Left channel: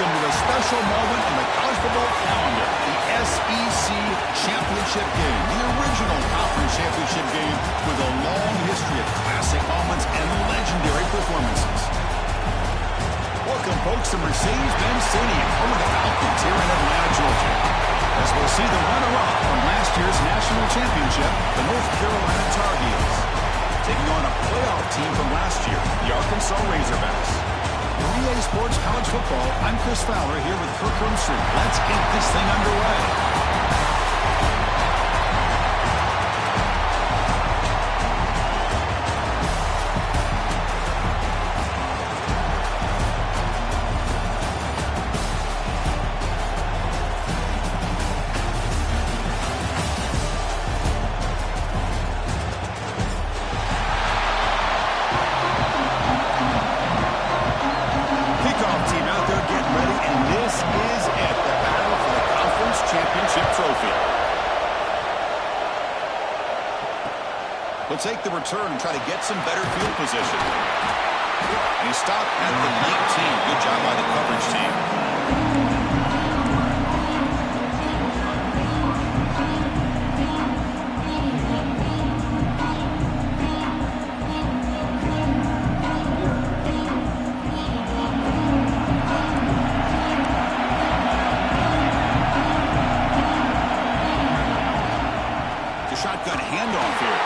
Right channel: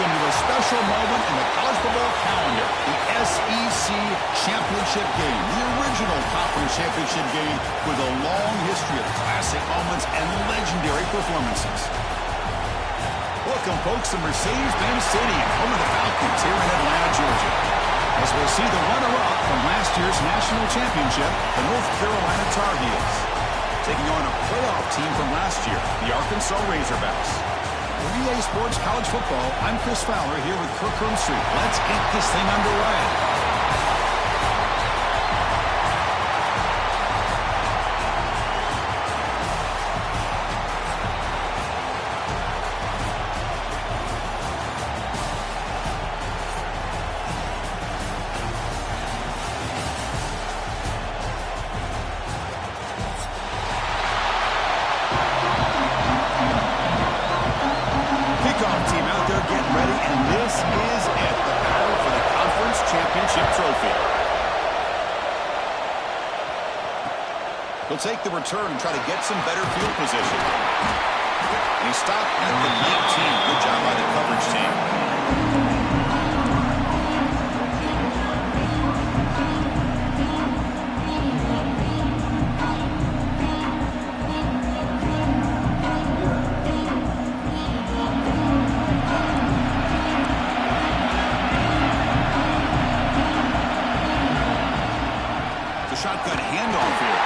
welcome to a special moment in the college football calendar, the SEC Championship Game, the original conference championship game with a long history of classic moments and legendary performances. Welcome, folks, to Mercedes-Benz Stadium, home of the Falcons here in Atlanta, Georgia, as we'll see the runner-up from last year's national championship, the North Carolina Tar Heels, taking on a playoff team from last year, the Arkansas Razorbacks. For EA Sports College Football, I'm Chris Fowler here with Kirk Herbstreit. Let's get this thing underway. He'll take the return and try to get some better field position. And he stopped at the 19. Good job by the coverage team. The shotgun handoff here.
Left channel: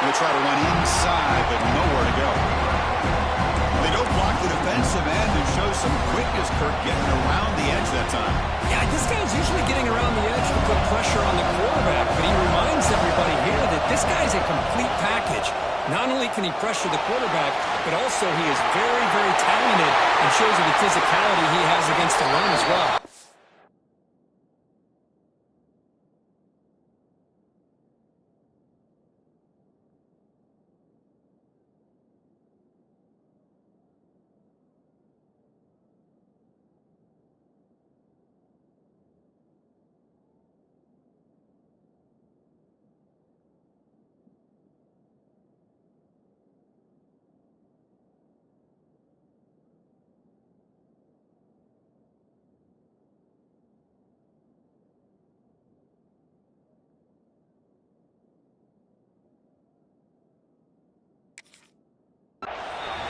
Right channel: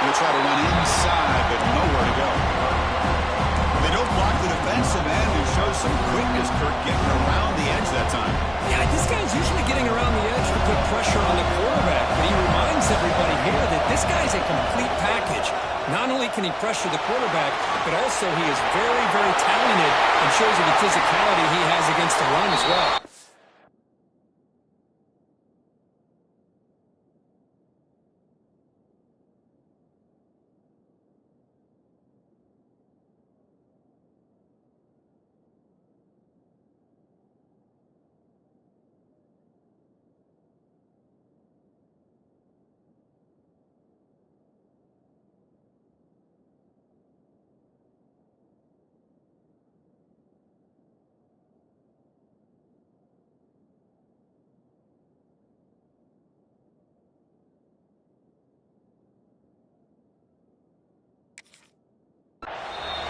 They'll try to run inside, but nowhere to go. They don't block the defensive end and show some quickness, Kirk, getting around the edge that time. Yeah, this guy's usually getting around the edge to put pressure on the quarterback, but he reminds everybody here that this guy's a complete package. Not only can he pressure the quarterback, but also he is very, very talented and shows you the physicality he has against the run as well.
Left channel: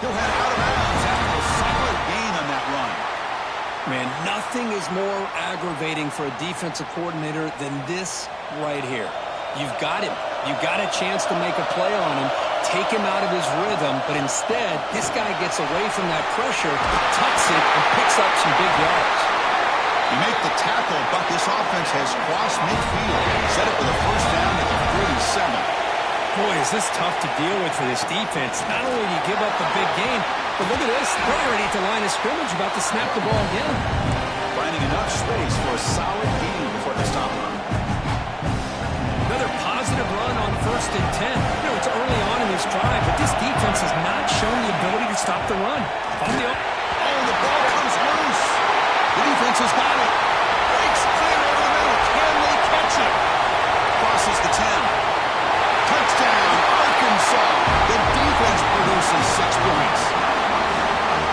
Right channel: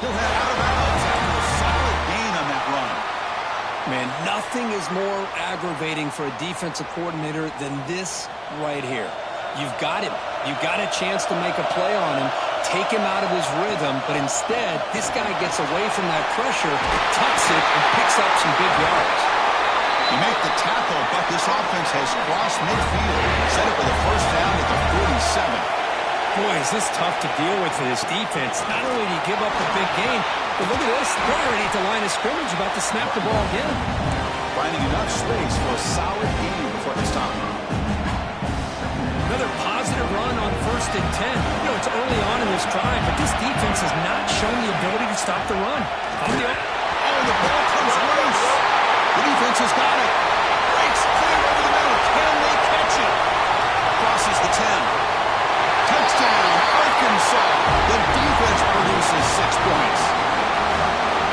He'll head out of bounds after a solid gain on that run. Man, nothing is more aggravating for a defensive coordinator than this right here. You've got him. You've got a chance to make a play on him, take him out of his rhythm, but instead, this guy gets away from that pressure, tucks it, and picks up some big yards. You make the tackle, but this offense has crossed midfield. Set it for the first down at the 47. Boy, is this tough to deal with for this defense. Not only do you give up a big gain, but look at this. They're already at the line of scrimmage, about to snap the ball again. Finding enough space for a solid gain before they stop. Another positive run on 1st and 10. You know, it's early on in this drive, but this defense has not shown the ability to stop the run. Oh, the ball comes loose. The defense has got it. Breaks clear over the middle. Can they catch it? Crosses the 10. Touchdown, Arkansas. The defense produces 6 points.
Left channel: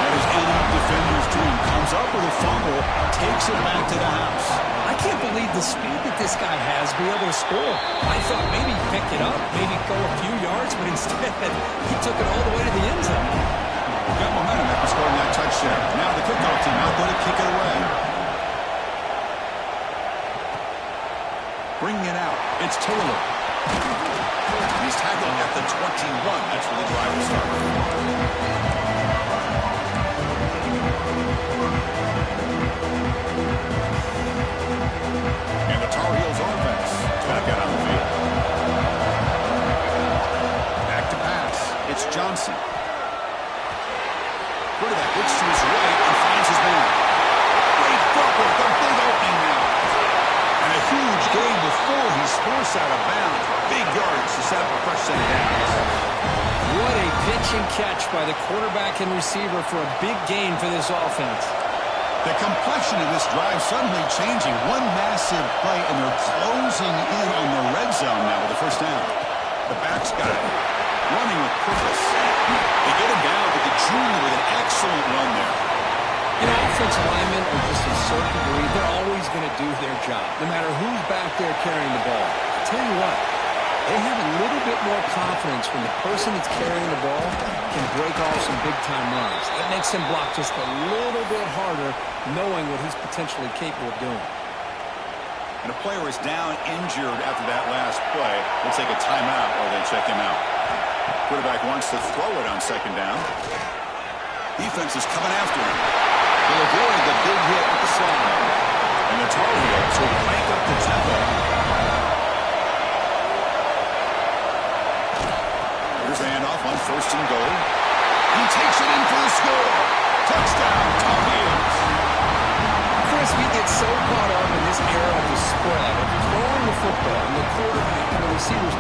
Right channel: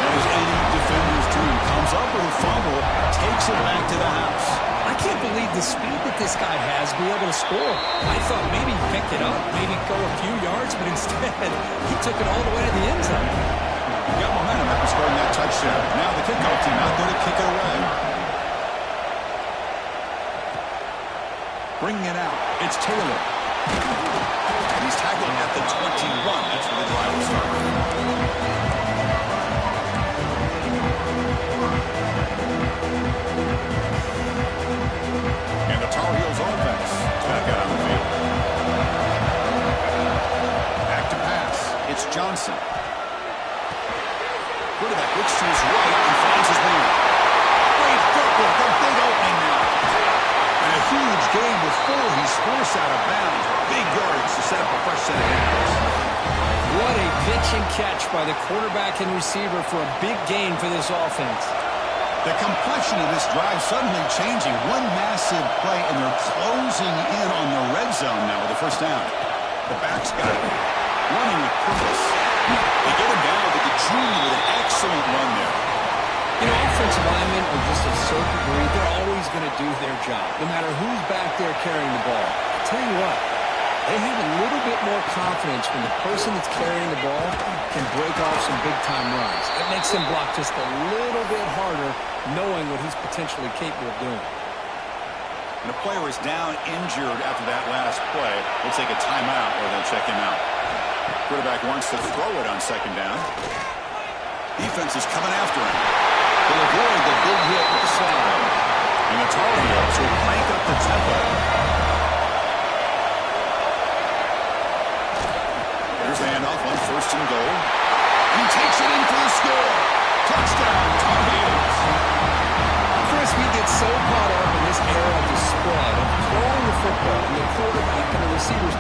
That is any defender's dream. Comes up with a fumble, takes it back to the house. I can't believe the speed that this guy has to be able to score. I thought maybe he picked it up, maybe go a few yards, but instead he took it all the way to the end zone. Got momentum after scoring that touchdown. Now the kickoff team out there to kick it away. Bringing it out, it's Taylor. He's tackled at the 21. That's where the drive will start. And the Tar Heels offense back out on the field. Back to pass. It's Johnson. Quarterback looks to his right and finds his man. Great footwork. A big opening now. And a huge gain before he's forced out of bounds. Big yards to set up a fresh set of downs. What a pitch and catch by the quarterback and receiver for a big gain for this offense. The complexion of this drive suddenly changing. One massive play, and they're closing in on the red zone now with the first down. The back's got it. Running with purpose. They get him down to the junior with an excellent run there. You know, offensive linemen are just a certain breed. They're always going to do their job, no matter who's back there carrying the ball. I'll tell you what, they have a little bit more confidence when the person that's carrying the ball can break off some big-time runs. It makes him block just a little bit harder, knowing what he's potentially capable of doing. And a player is down injured after that last play. We'll take a timeout or then check him out. Quarterback wants to throw it on second down. Defense is coming after him. He'll avoid the big hit with the slide. And the Tar Heels will crank up the tempo. Here's the handoff on first and goal. He takes it in for the score. Touchdown, Tar Heels. Chris, we get so caught up in this era of the spread, of throwing the football, and the quarterback and the receivers.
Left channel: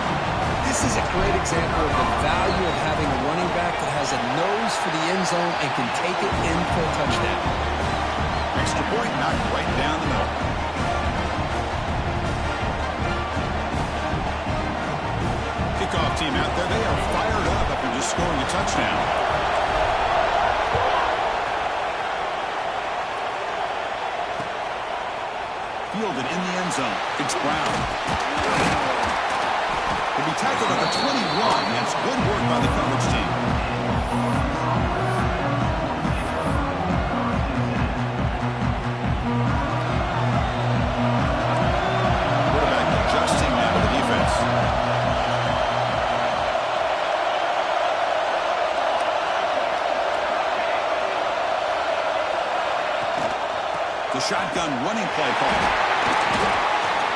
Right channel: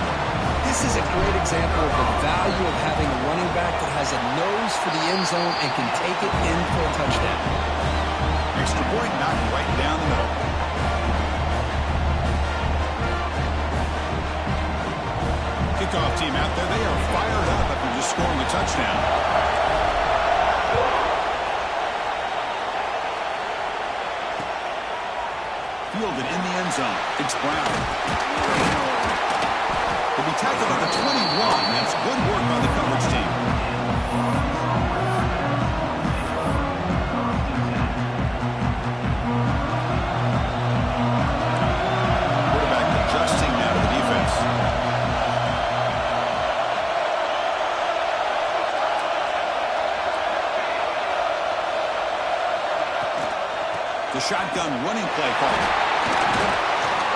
This is a great example of the value of having a running back that has a nose for the end zone and can take it in for a touchdown. Extra point knocked right down the middle. Kickoff team out there. They are fired up after just scoring a touchdown. Fielded in the end zone. It's Brown. He'll be tackled at the 21. That's good work by the coverage team. Quarterback adjusting now to the defense. The shotgun running play call.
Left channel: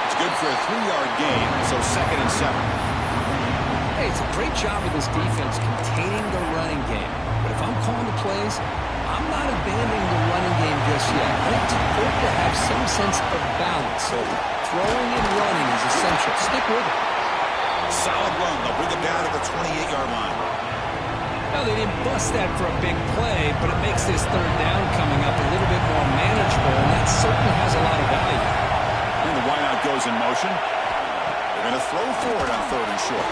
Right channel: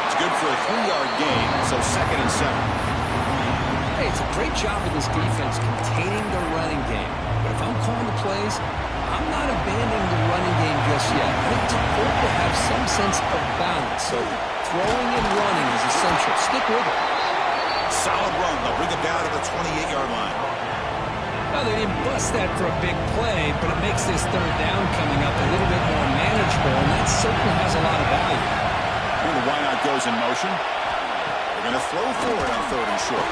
It's good for a 3-yard gain, so 2nd and 7. Hey, it's a great job of this defense containing the running game. But if I'm calling the plays, I'm not abandoning the running game just yet. I think it's important to have some sense of balance. So throwing and running is essential. Stick with it. Solid run. They'll bring it down to the 28-yard line. Now, they didn't bust that for a big play, but it makes this third down coming up a little bit more manageable, and that certainly has a lot of value. And the wideout goes in motion. They're going to throw forward on 3rd and short.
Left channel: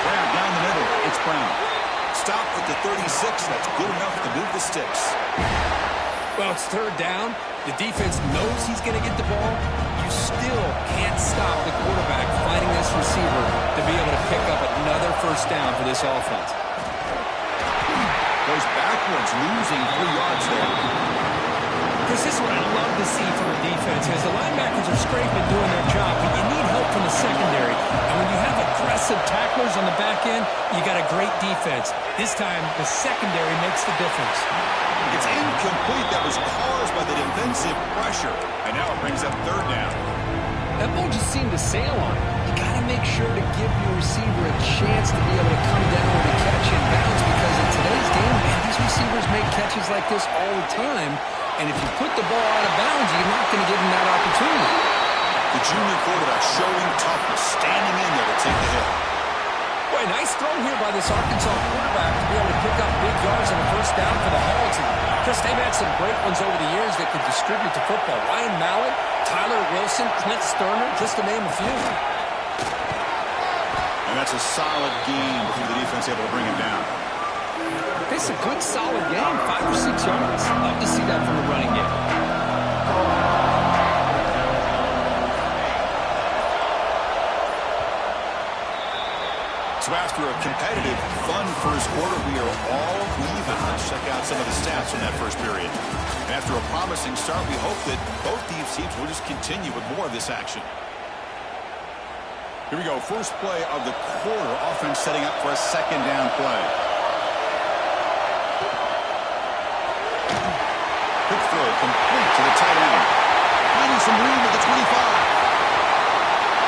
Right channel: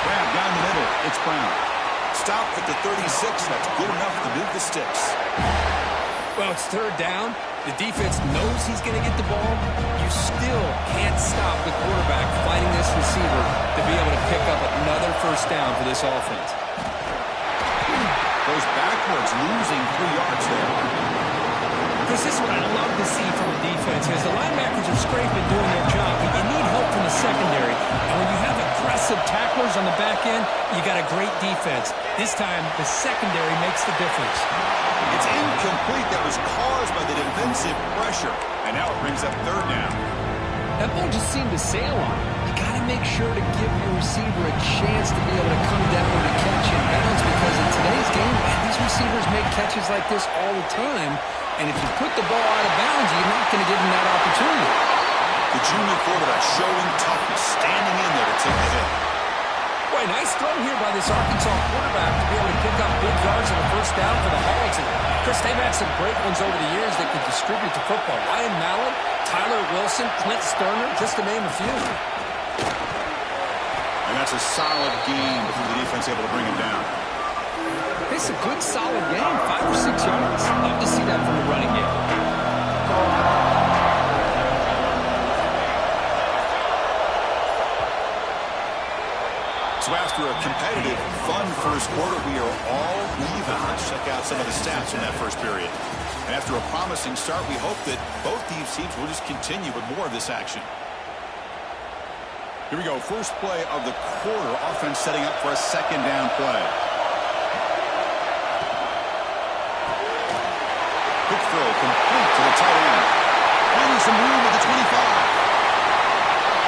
Grab down the middle. It's Brown. Stop at the 36. That's good enough to move the sticks. Well, it's 3rd down. The defense knows he's going to get the ball. You still can't stop the quarterback fighting this receiver to be able to pick up another first down for this offense. Goes backwards, losing 3 yards there. Chris, this is what I love to see from a defense is the linebackers are scraping doing their job, but you need help from the secondary. And when you have aggressive tacklers on the back end, you got a great defense. This time, the secondary makes the difference. It's incomplete. That was caused by the defensive pressure. And now it brings up 3rd down. That ball just seemed to sail on it. You got to make sure to give your receiver a chance to be able to come down with a catch and bounce, because in today's game, man, these receivers make catches like this all the time. And if you put the ball out of bounds, you're not going to give them that opportunity. The junior quarterback showing toughness, standing in there to take the hit. Boy, nice throw here by this Arkansas quarterback to be able to pick up big yards on a first down for the Hogs. And Chris, they've had some great ones over the years that could distribute the football. Ryan Mallett, Tyler Wilson, Clint Sterner, just to name a few. And that's a solid game before the defense able to bring him down. It's a good, solid game, 5 or 6 yards. Love to see that from the running game. So after a competitive, fun first quarter, we are all even. Let's check out some of the stats from that first period. And after a promising start, we hope that both these teams will just continue with more of this action. Here we go. First play of the quarter. Offense setting up for a 2nd down play. Quick throw complete to the tight end. Finding some room at the 25.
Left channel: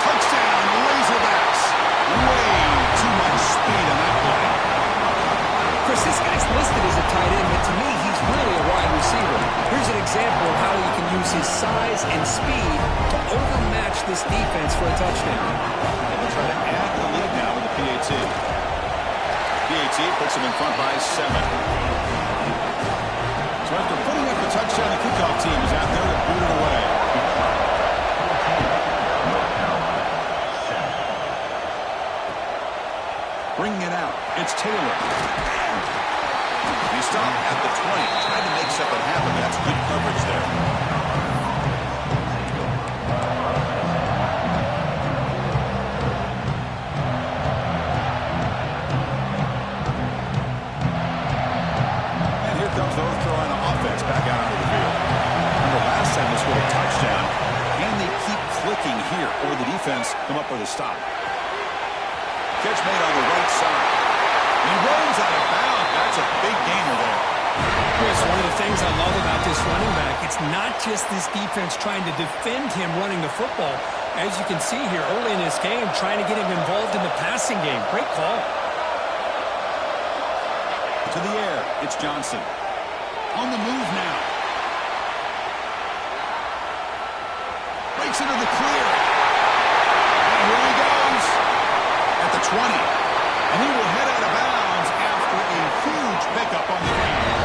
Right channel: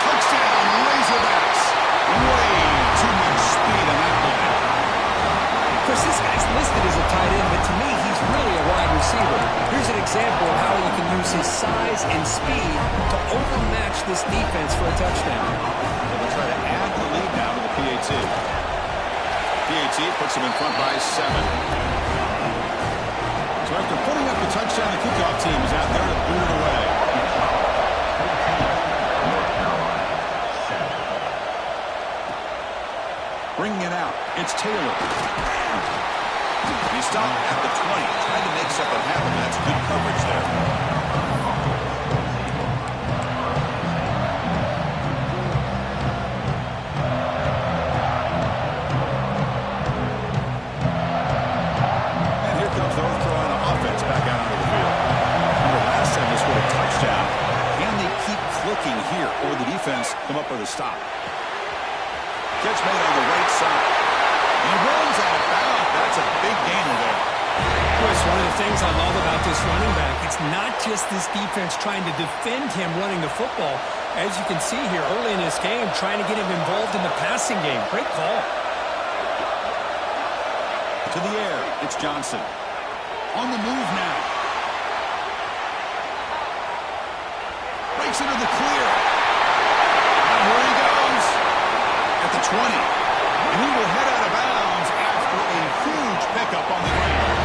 Touchdown, Razorbacks. Way too much speed on that play. Chris, this guy's listed as a tight end, but to me, he's really a wide receiver. Here's an example of how he can use his size and speed to overmatch this defense for a touchdown. They will try to add the lead now with the PAT. PAT puts them in front by 7. So after putting up the touchdown, the kickoff team is out there to boot it away. Bringing it out, it's Taylor. He They stop at the 20. Tried to make something happen, but that's good coverage there. And here comes the North Carolina offense back out onto the field. Remember, last time they scored a touchdown. Can they keep clicking here, or the defense come up with a stop? Catch made on the right side. He runs out of bounds. That's a big gainer there. Chris, one of the things I love about this running back, it's not just this defense trying to defend him running the football. As you can see here early in this game, trying to get him involved in the passing game. Great call. To the air, it's Johnson. On the move now. Breaks into the clear. And here he goes. At the 20. And he will head out of bounds after a huge pickup on the ground.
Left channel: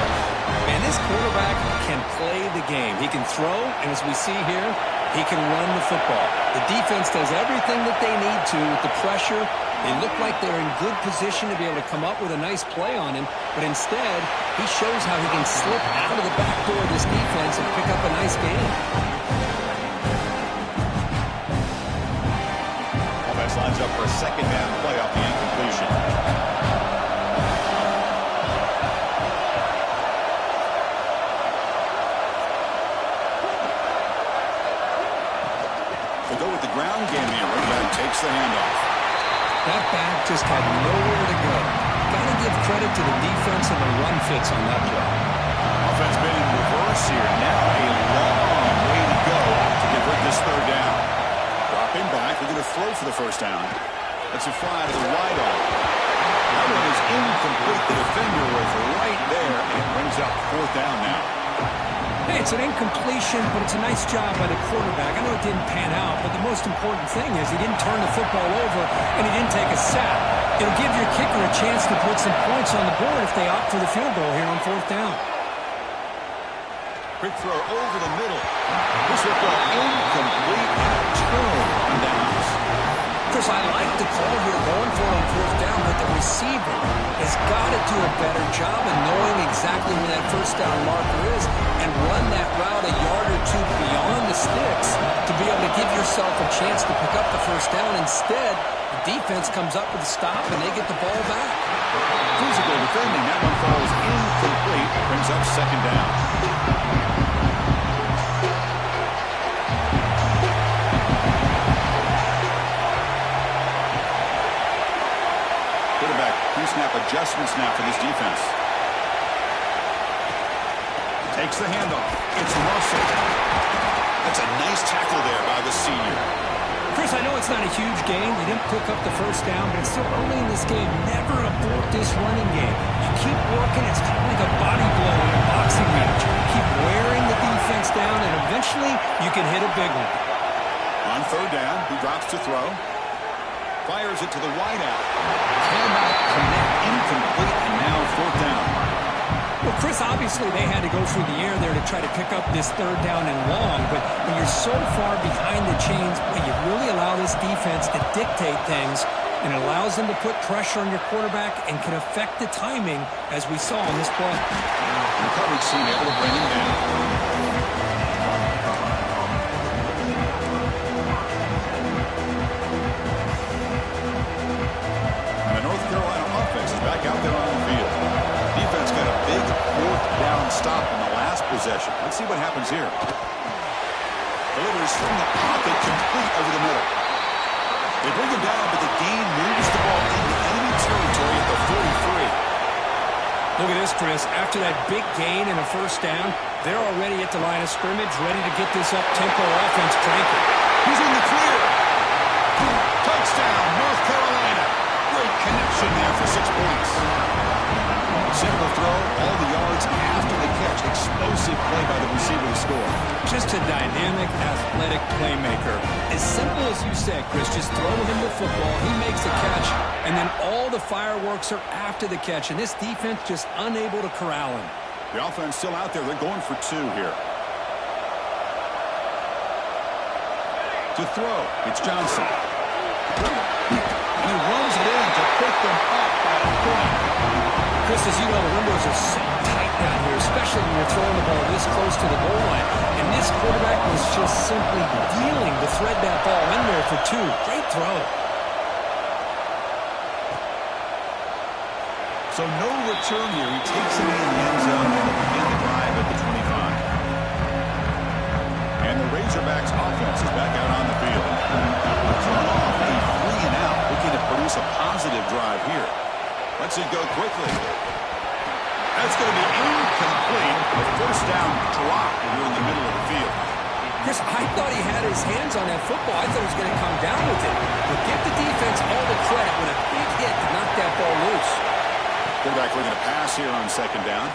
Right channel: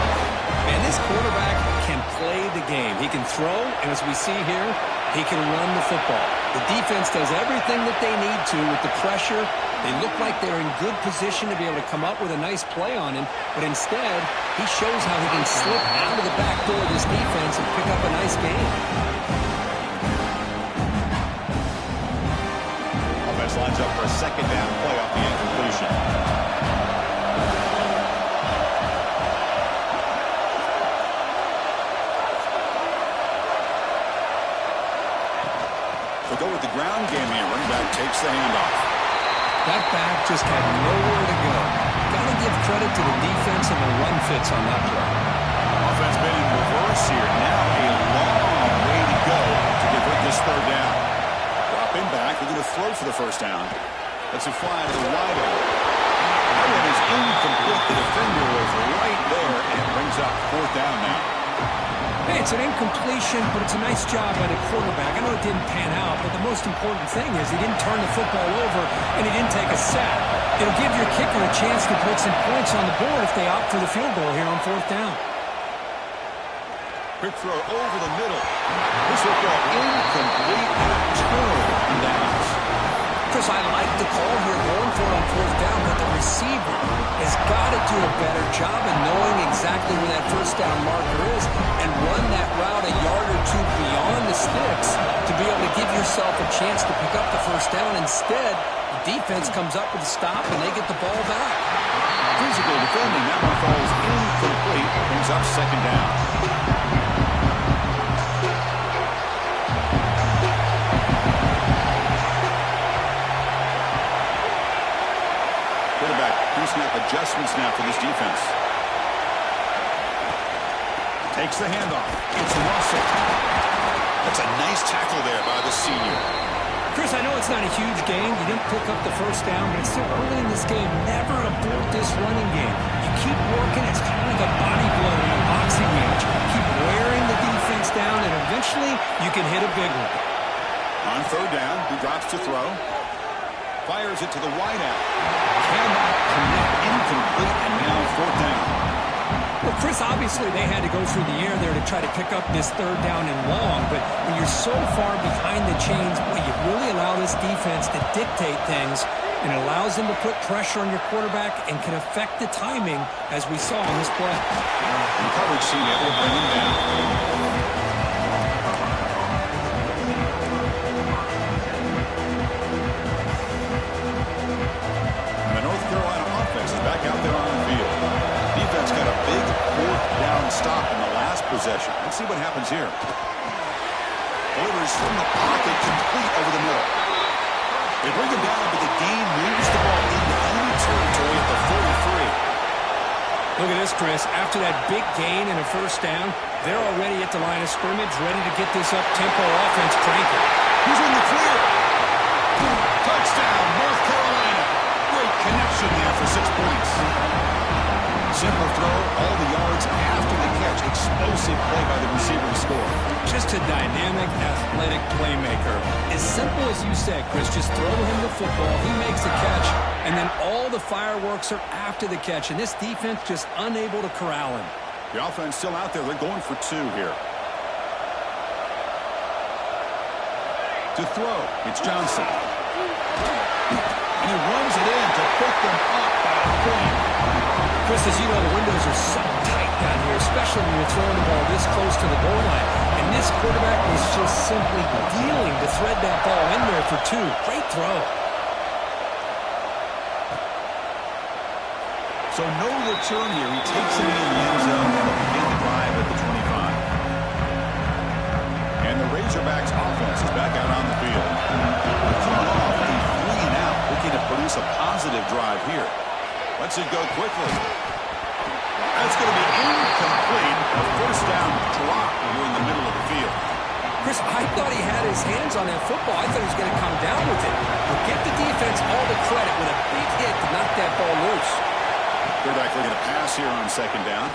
Man, this quarterback can play the game. He can throw, and as we see here, he can run the football. The defense does everything that they need to with the pressure. They look like they're in good position to be able to come up with a nice play on him, but instead, he shows how he can slip out of the back door of this defense and pick up a nice game. Lines up for a second down play off the incompletion. They'll go with the ground game here. Running back takes the handoff. That back just had nowhere to go. Got to give credit to the defense and the run fits on that play. Offense been in reverse here. Now a long way to go to convert this third down. Dropping back, they're going to throw for the first down. That's a fly to the wide out. That one is incomplete. The defender was right there, and it brings up fourth down now. Hey, it's an incompletion, but it's a nice job by the quarterback. I know it didn't pan out, but the most important thing is he didn't turn the football over, and he didn't take a sack. It'll give your kicker a chance to put some points on the board if they opt for the field goal here on fourth down. Quick throw over the middle. This football incomplete and a turnover on downs. Chris, I like the call here going for it on fourth down, but the receiver has got to do a better job of knowing exactly where that first down marker is and run that route a yard or two beyond the sticks to be able to give yourself a chance to pick up the first down. Instead, the defense comes up with a stop and they get the ball back. Physical defending. That one falls incomplete. Brings up second down. Quarterback pre-snap adjustments now for this defense. Takes the handoff. It's Russell. That's a nice tackle there by the senior. Chris, I know it's not a huge gain. You didn't pick up the first down, but it's still early in this game. Never abort this running game. You keep working. It's kind of like a body blow in a boxing match. Keep wearing the defense down, and eventually you can hit a big one. On third down, he drops to throw. Fires it to the wideout. Cannot connect. Incomplete, and now fourth down. Well, Chris, obviously they had to go through the air there to try to pick up this third down and long, but when you're so far behind the chains, boy, you really allow this defense to dictate things, and it allows them to put pressure on your quarterback and can affect the timing, as we saw on this play. And coverage team able to bring him down. Back out there on the field. Defense got a big fourth down stop in the last possession. Let's see what happens here. Delivers from the pocket, complete over the middle. They bring him down, but the gain moves the ball into enemy territory at the 43. Look at this, Chris. After that big gain and a first down, they're already at the line of scrimmage, ready to get this up-tempo offense cranking. He's in the clear. Touchdown, North Carolina. Great connection there for 6 points. Simple throw, all the yards after the catch. Explosive play by the receiver to score. Just a dynamic, athletic playmaker. As simple as you said, Chris, just throw him the football. He makes a catch, and then all the fireworks are after the catch. And this defense just unable to corral him. The offense still out there. They're going for two here. To throw, it's Johnson. And he runs it in to pick them up by a point. Chris, as you know, the windows are so tight down here, especially when you're throwing the ball this close to the goal line. And this quarterback was just simply dealing to thread that ball in there for 2. Great throw. So no return here. He takes it in the end zone and they'll begin the drive at the 25. And the Razorbacks offense is back out on the field. Coming off a 3-and-out, looking to produce a positive drive here. Lets it go quickly. That's going to be incomplete. A first down drop here in the middle of the field. Chris, I thought he had his hands on that football. I thought he was going to come down with it. But give the defense all the credit with a big hit to knock that ball loose. Quarterback looking to pass here on second down.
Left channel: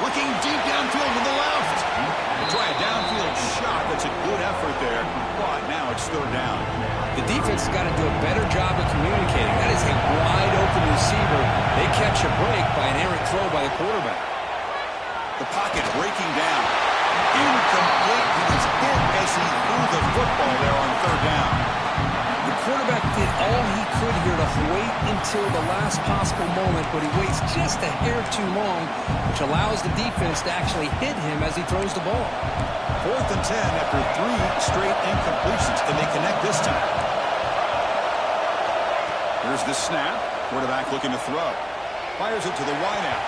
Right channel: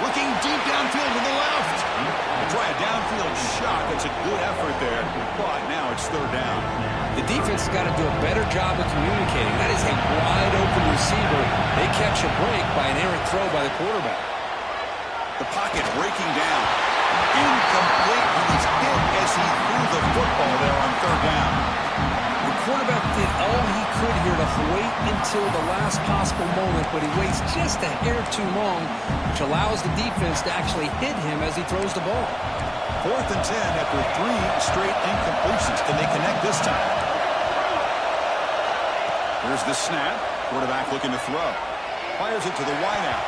Looking deep downfield to the left. They try a downfield shot. That's a good effort there, but now it's third down. The defense has got to do a better job of communicating. That is a wide-open receiver. They catch a break by an errant throw by the quarterback. The pocket breaking down. Incomplete. He was hit as he threw the football there on third down. The quarterback did all he could here to wait until the last possible moment, but he waits just a hair too long, which allows the defense to actually hit him as he throws the ball. 4th and 10 after 3 straight incompletions. Can they connect this time? Here's the snap. Quarterback looking to throw. Fires it to the wideout.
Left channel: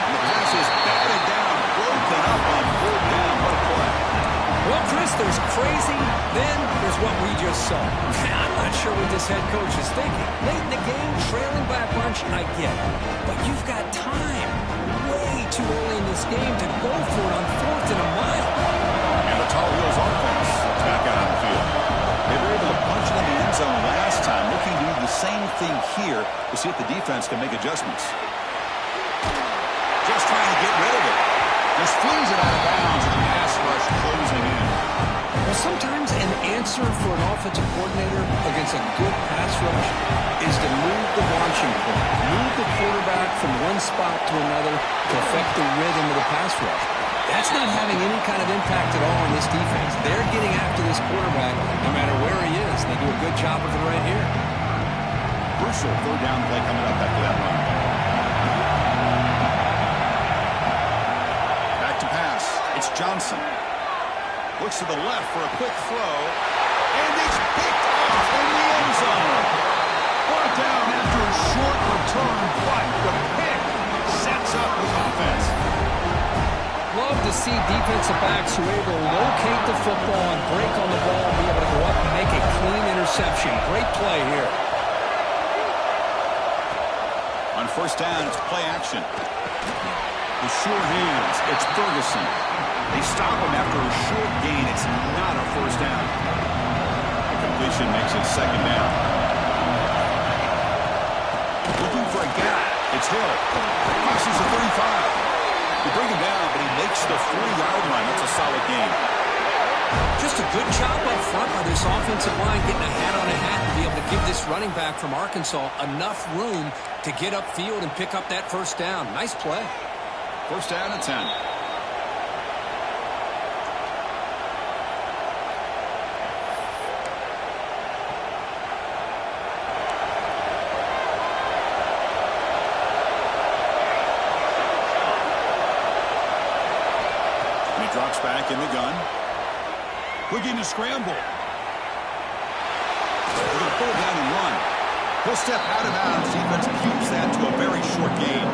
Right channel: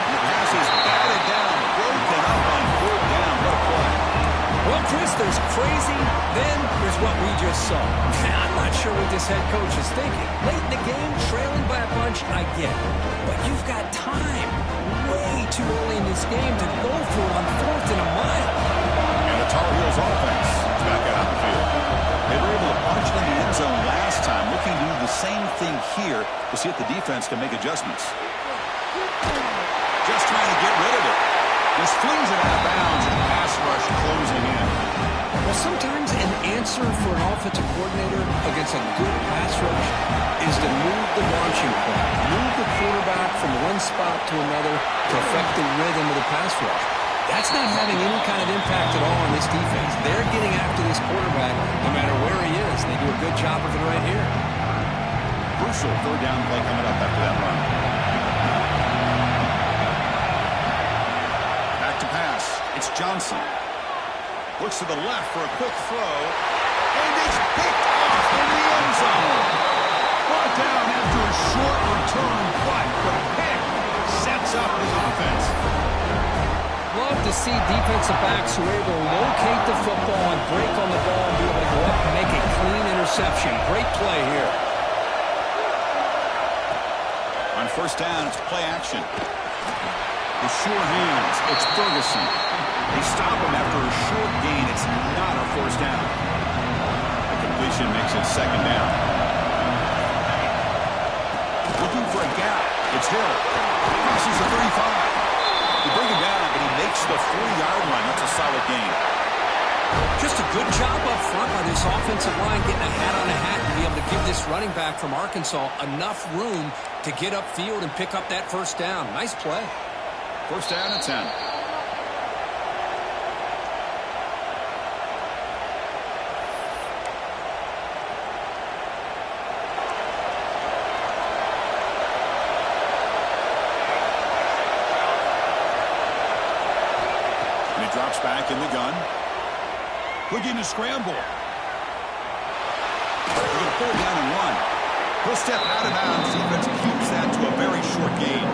And the pass is batted down, broken up on 4th down. What a play. Well, Chris, there's crazy, then there's what we just saw. I'm not sure what this head coach is thinking. Late in the game, trailing by a bunch, I get it. But you've got time, way too early in this game to go for it on 4th and a mile. And the Tar Heels offense is back out on the field. They were able to punch it in the end zone last time, looking to do the same thing here to see if the defense can make adjustments. Just trying to get rid of it. Just flings it out of bounds and the pass rush closing in. Well, sometimes an answer for an offensive coordinator against a good pass rush is to move the launching point, move the quarterback from one spot to another to affect the rhythm of the pass rush. That's not having any kind of impact at all on this defense. They're getting after this quarterback no matter where he is. They do a good job of it right here. Crucial third down play coming up after that run. To pass. It's Johnson. Looks to the left for a quick throw. And it's picked off in the end zone. Brought down after a short return, but the pick sets up his offense. Love to see defensive backs who are able to locate the football and break on the ball and be able to go up and make a clean interception. Great play here. On first down, it's play action. The sure hands, it's Ferguson. They stop him after a short gain. It's not a first down. The completion makes it second down. Looking for a gap. It's Hill. Crosses the 35. They bring him down, but he makes the 4-yard line. That's a solid gain. Just a good job up front by this offensive line, getting a hat on a hat and be able to give this running back from Arkansas enough room to get upfield and pick up that first down. Nice play. First down and 10. And he drops back in the gun. Looking to scramble. They're going to pull it down and run. He'll step out of bounds. Defense keeps that to a very short gain.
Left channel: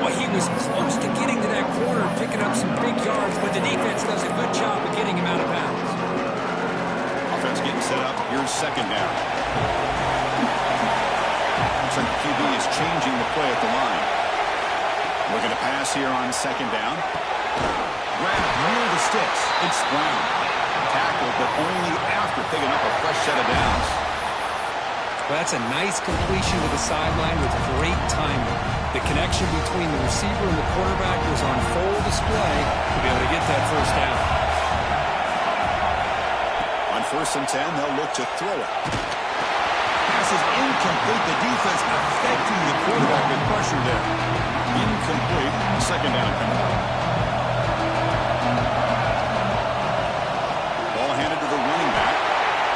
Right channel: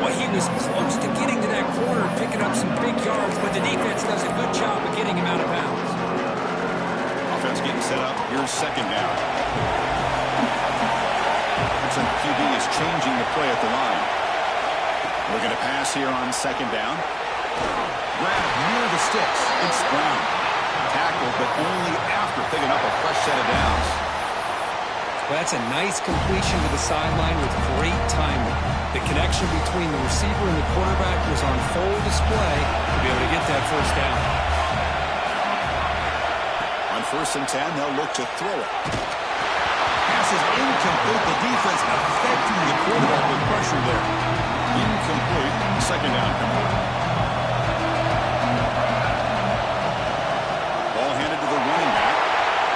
Well, he was close to getting to that corner, picking up some big yards, but the defense does a good job of getting him out of bounds. Offense getting set up. Here's second down. Looks like the QB is changing the play at the line. Looking to pass here on second down. Grab near the sticks. It's Brown. Tackled, but only after picking up a fresh set of downs. Well, that's a nice completion to the sideline with great timing. The connection between the receiver and the quarterback was on full display to be able to get that first down. On first and 10, they'll look to throw it. Pass is incomplete. The defense affecting the quarterback with pressure there. Incomplete. Second down coming up. Ball handed to the running back.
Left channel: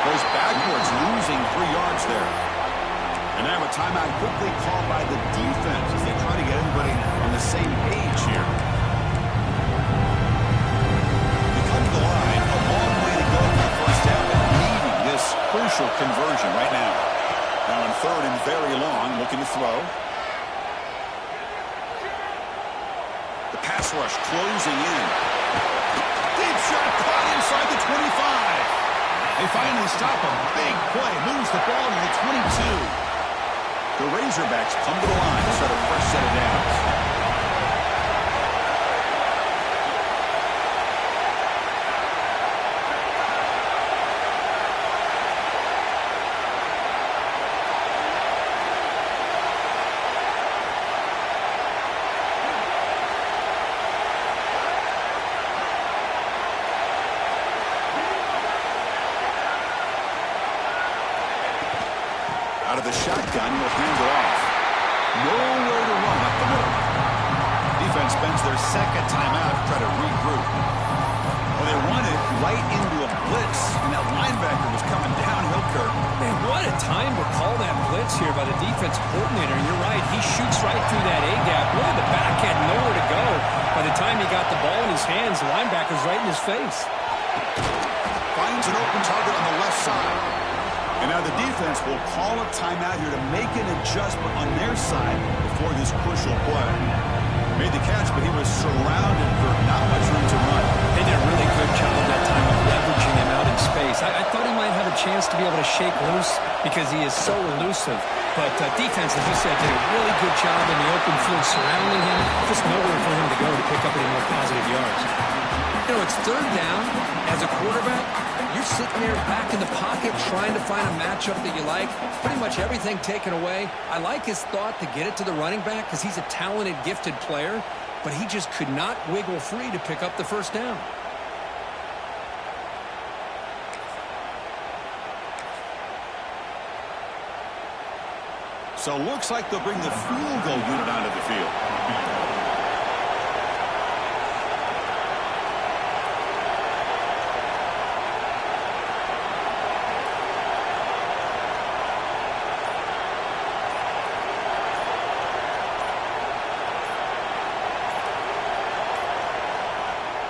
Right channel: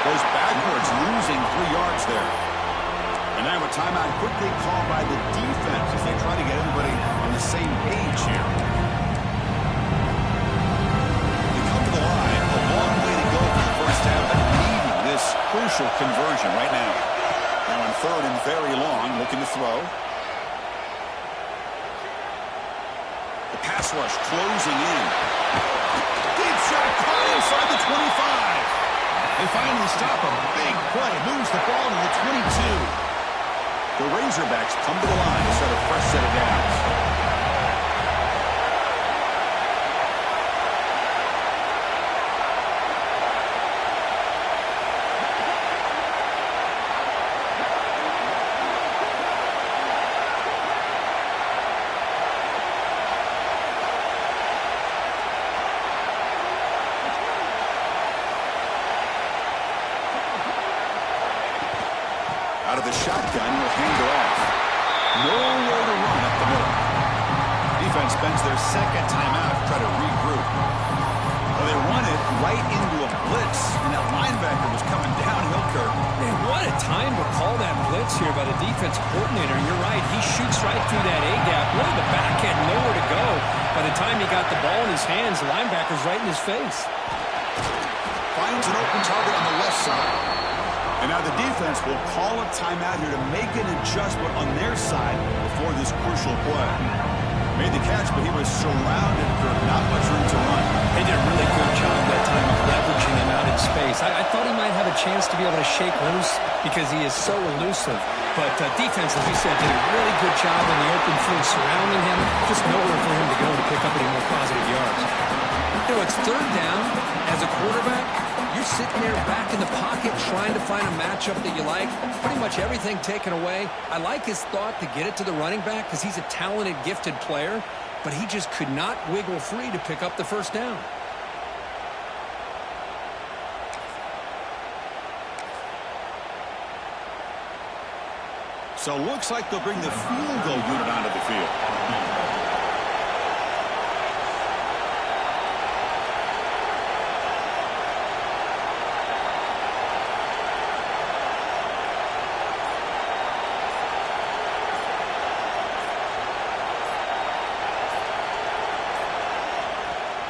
Goes backwards, losing 3 yards there. And now a timeout quickly called by the defense as they try to get everybody on the same page here. They come to the line, a long way to go for the first down, but needing this crucial conversion right now. Now in third and very long, looking to throw. The pass rush closing in. Deep shot caught inside the 25. They finally stop a big play. Moves the ball to the 22. The Razorbacks come to the line to start a fresh set of downs. Out of the shotgun, he'll hand it off. Nowhere to run up the middle. Defense spends their second timeout to try to regroup. Well, they run it right into a blitz, and that linebacker was coming downhill, Kirk. Man, what a time to call that blitz here by the defense coordinator. And you're right, he shoots right through that A-gap. Really, the back had nowhere to go. By the time he got the ball in his hands, the linebacker's right in his face. Finds an open target on the left side. And now the defense will call a timeout here to make an adjustment on their side before this crucial play. Made the catch, but he was surrounded, Kirk. Not much room to run. They did a really good job that time of leveraging him out in space. I thought he might have a chance to be able to shake loose because he is so elusive. But defense, as you said, did a really good job in the open field surrounding him. Just nowhere for him to go to pick up any more positive yards. You know, it's third down. As a quarterback, you're sitting there back in the pocket trying to find a matchup that you like. Pretty much everything taken away. I like his thought to get it to the running back because he's a talented, gifted player, but he just could not wiggle free to pick up the first down. So looks like they'll bring the field goal unit onto the field.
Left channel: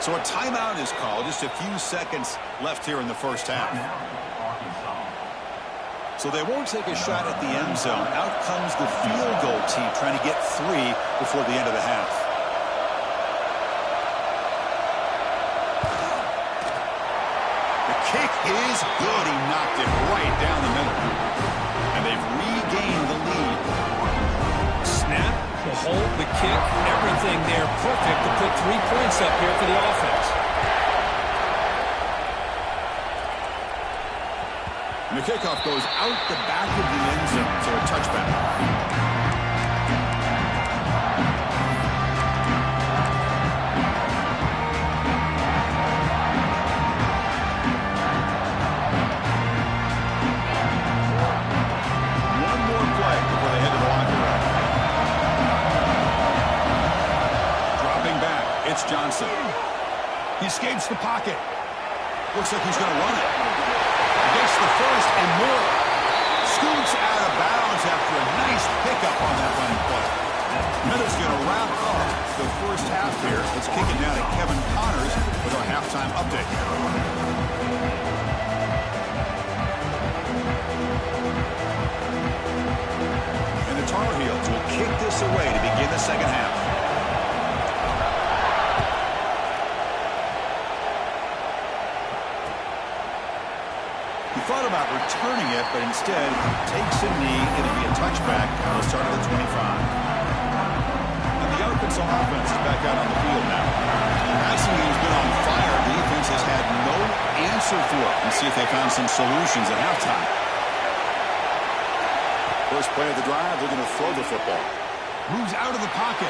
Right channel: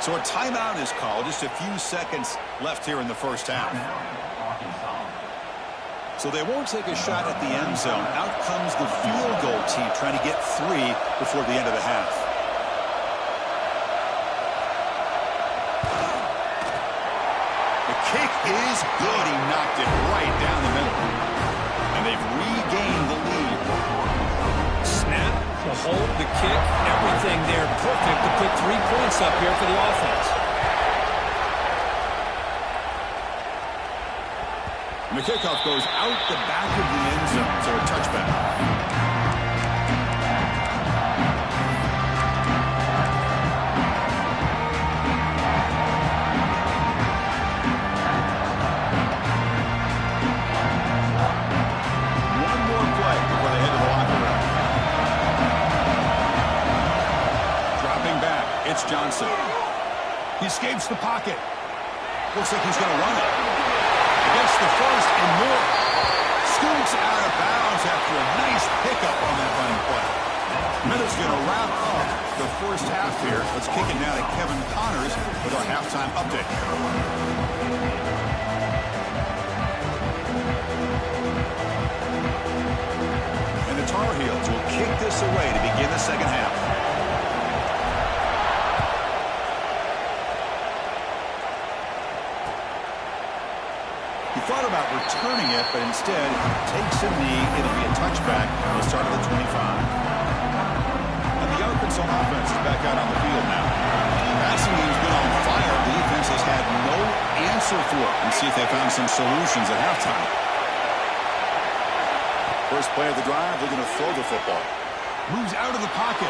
So a timeout is called. Just a few seconds left here in the first half. So they won't take a shot at the end zone. Out comes the field goal team trying to get 3 before the end of the half. The kick is good. He knocked it right down the middle. And they've regained the lead. Snap. The hold, the kick, everything there perfect to put 3 points up here for the offense. And the kickoff goes out the back of the end zone, so a touchback. It's Johnson. He escapes the pocket. Looks like he's going to run it. Against the first and more. Scoots out of bounds after a nice pickup on that running play. Minutes going to wrap up the first half here. Let's kick it now to Kevin Connors with our halftime update. And the Tar Heels will kick this away to begin the second half. Thought about returning it, but instead takes a knee. It'll be a touchback. He'll start at the 25. And the Arkansas offense is back out on the field now. The passing game's been on fire. The defense has had no answer for it. And see if they found some solutions at halftime. First play of the drive, they're going to throw the football. Moves out of the pocket.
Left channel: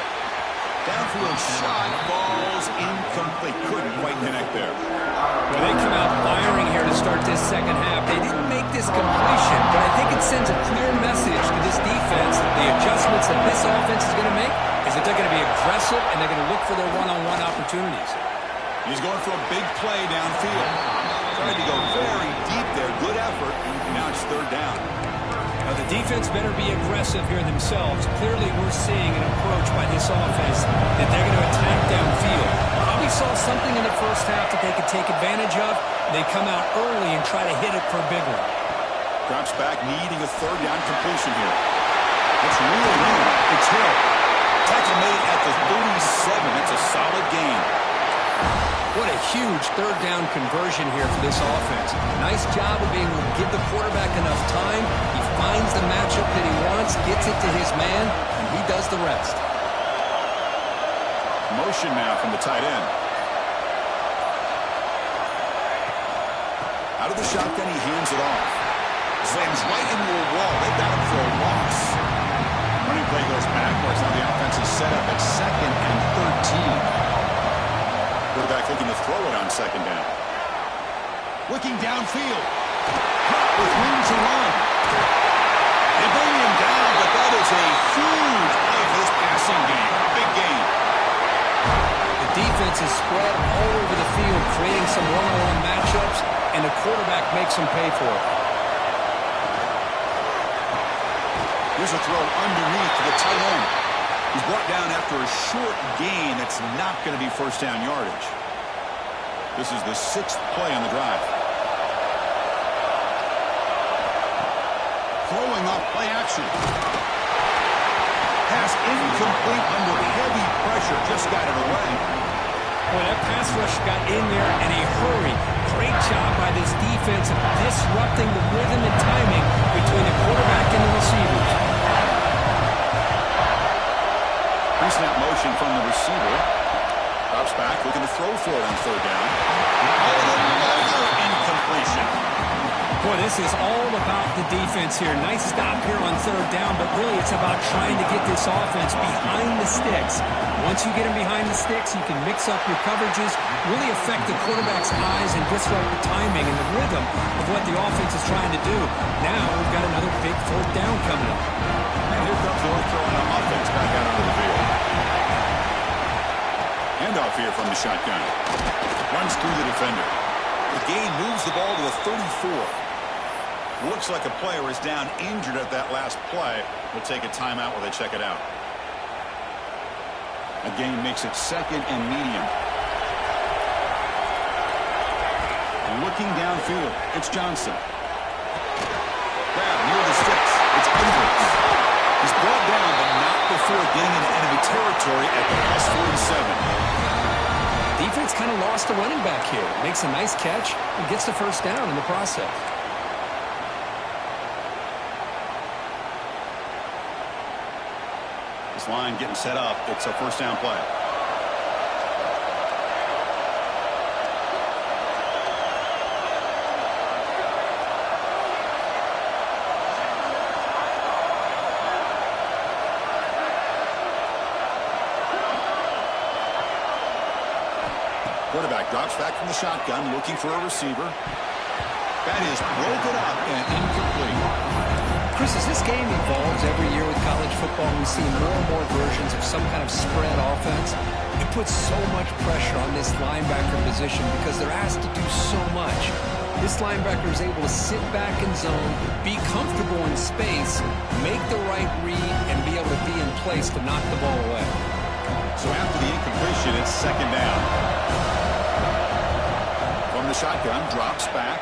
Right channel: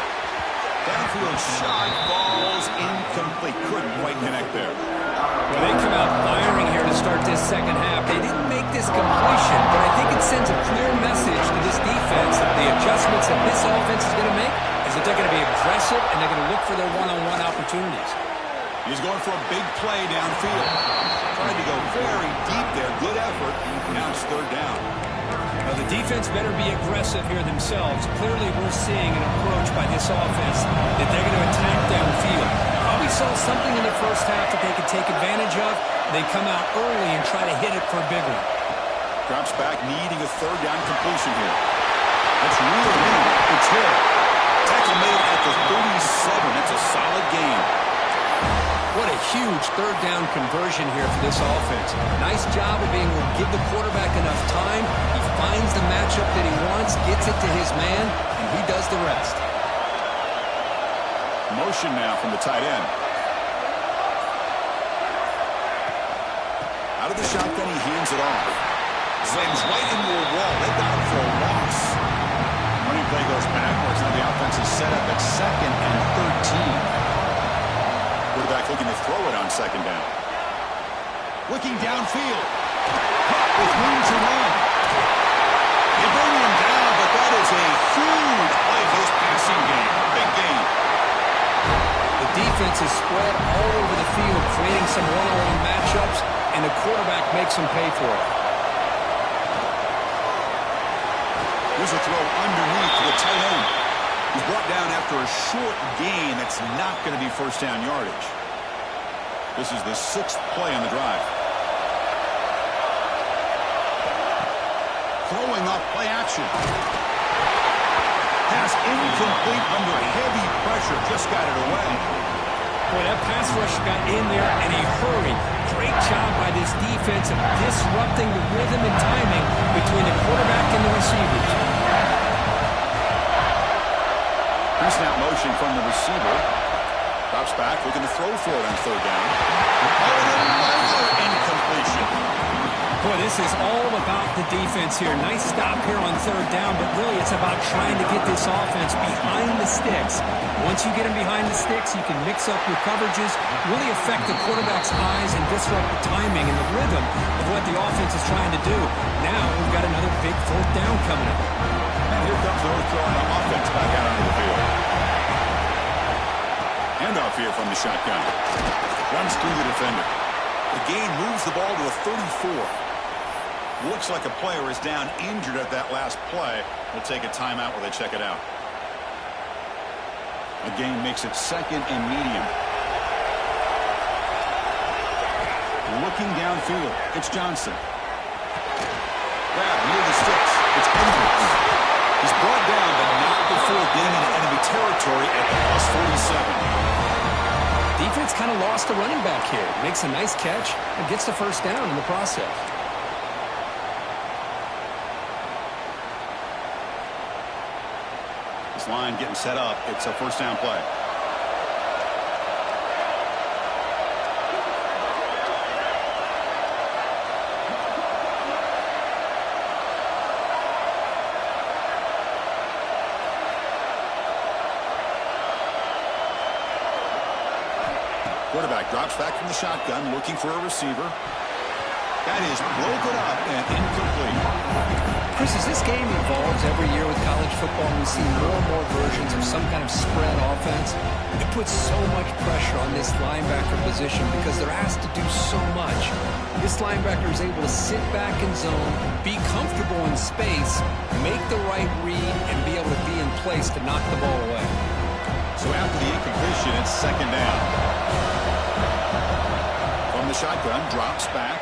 Downfield shot, falls incomplete. Couldn't quite connect there. Well, they come out firing here to start this second half. They didn't make this completion, but I think it sends a clear message to this defense that the adjustments that this offense is going to make is that they're going to be aggressive and they're going to look for their one-on-one opportunities. He's going for a big play downfield. Trying to go very deep there. Good effort. Now it's third down. Now, the defense better be aggressive here themselves. Clearly, we're seeing an approach by this offense that they're going to attack downfield. Probably saw something in the first half that they could take advantage of. They come out early and try to hit it for a big one. Drops back, needing a third down completion here. That's really in. It's hit. Tackle made at the 37. That's a solid gain. What a huge third down conversion here for this offense. Nice job of being able to give the quarterback enough time. He finds the matchup that he wants, gets it to his man, and he does the rest. Motion now from the tight end. Out of the shotgun, he hands it off. Slams right into a wall. They got him for a loss. Running play goes backwards. Now the offense is set up at 2nd and 13. Quarterback looking to throw it on 2nd down. Looking downfield. With room to run. They bring him down, but that is a huge play for this passing game. Big gain. The defense is spread all over the field, creating some one-on-one matchups, and the quarterback makes them pay for it. Here's a throw underneath to the tight end. He's brought down after a short gain that's not going to be first down yardage. This is the 6th play on the drive. Throwing off play action. Pass incomplete under heavy pressure. Just got it away. Boy, that pass rush got in there in a hurry. Great job by this defense of disrupting the rhythm and timing between the quarterback and the receivers. Pre-snap motion from the receiver. Drops back, looking to throw for it on 3rd down. Oh, and another incompletion. Boy, this is all about the defense here. Nice stop here on 3rd down, but really it's about trying to get this offense behind the sticks. Once you get them behind the sticks, you can mix up your coverages, really affect the quarterback's eyes and disrupt the timing and the rhythm of what the offense is trying to do. Now we've got another big 4th down coming up. And here comes the North Carolina offense back out onto the field. Handoff here from the shotgun. Runs through the defender. The gain moves the ball to the 34. Looks like a player is down injured at that last play. We'll take a timeout while they check it out. A gain makes it 2nd and medium. Looking downfield. It's Johnson. Grab near the sticks. It's Edwards. He's brought down, but not before getting into enemy territory at the +47. Defense kind of lost the running back here. Makes a nice catch and gets the first down in the process. This line getting set up. It's a first down play. Quarterback drops back from the shotgun, looking for a receiver. That is broken up and incomplete. Chris, as this game evolves every year with college football, we see more and more versions of some kind of spread offense. It puts so much pressure on this linebacker position because they're asked to do so much. This linebacker is able to sit back in zone, be comfortable in space, make the right read, and be able to be in place to knock the ball away. So after the incompletion, it's 2nd down. From the shotgun, drops back.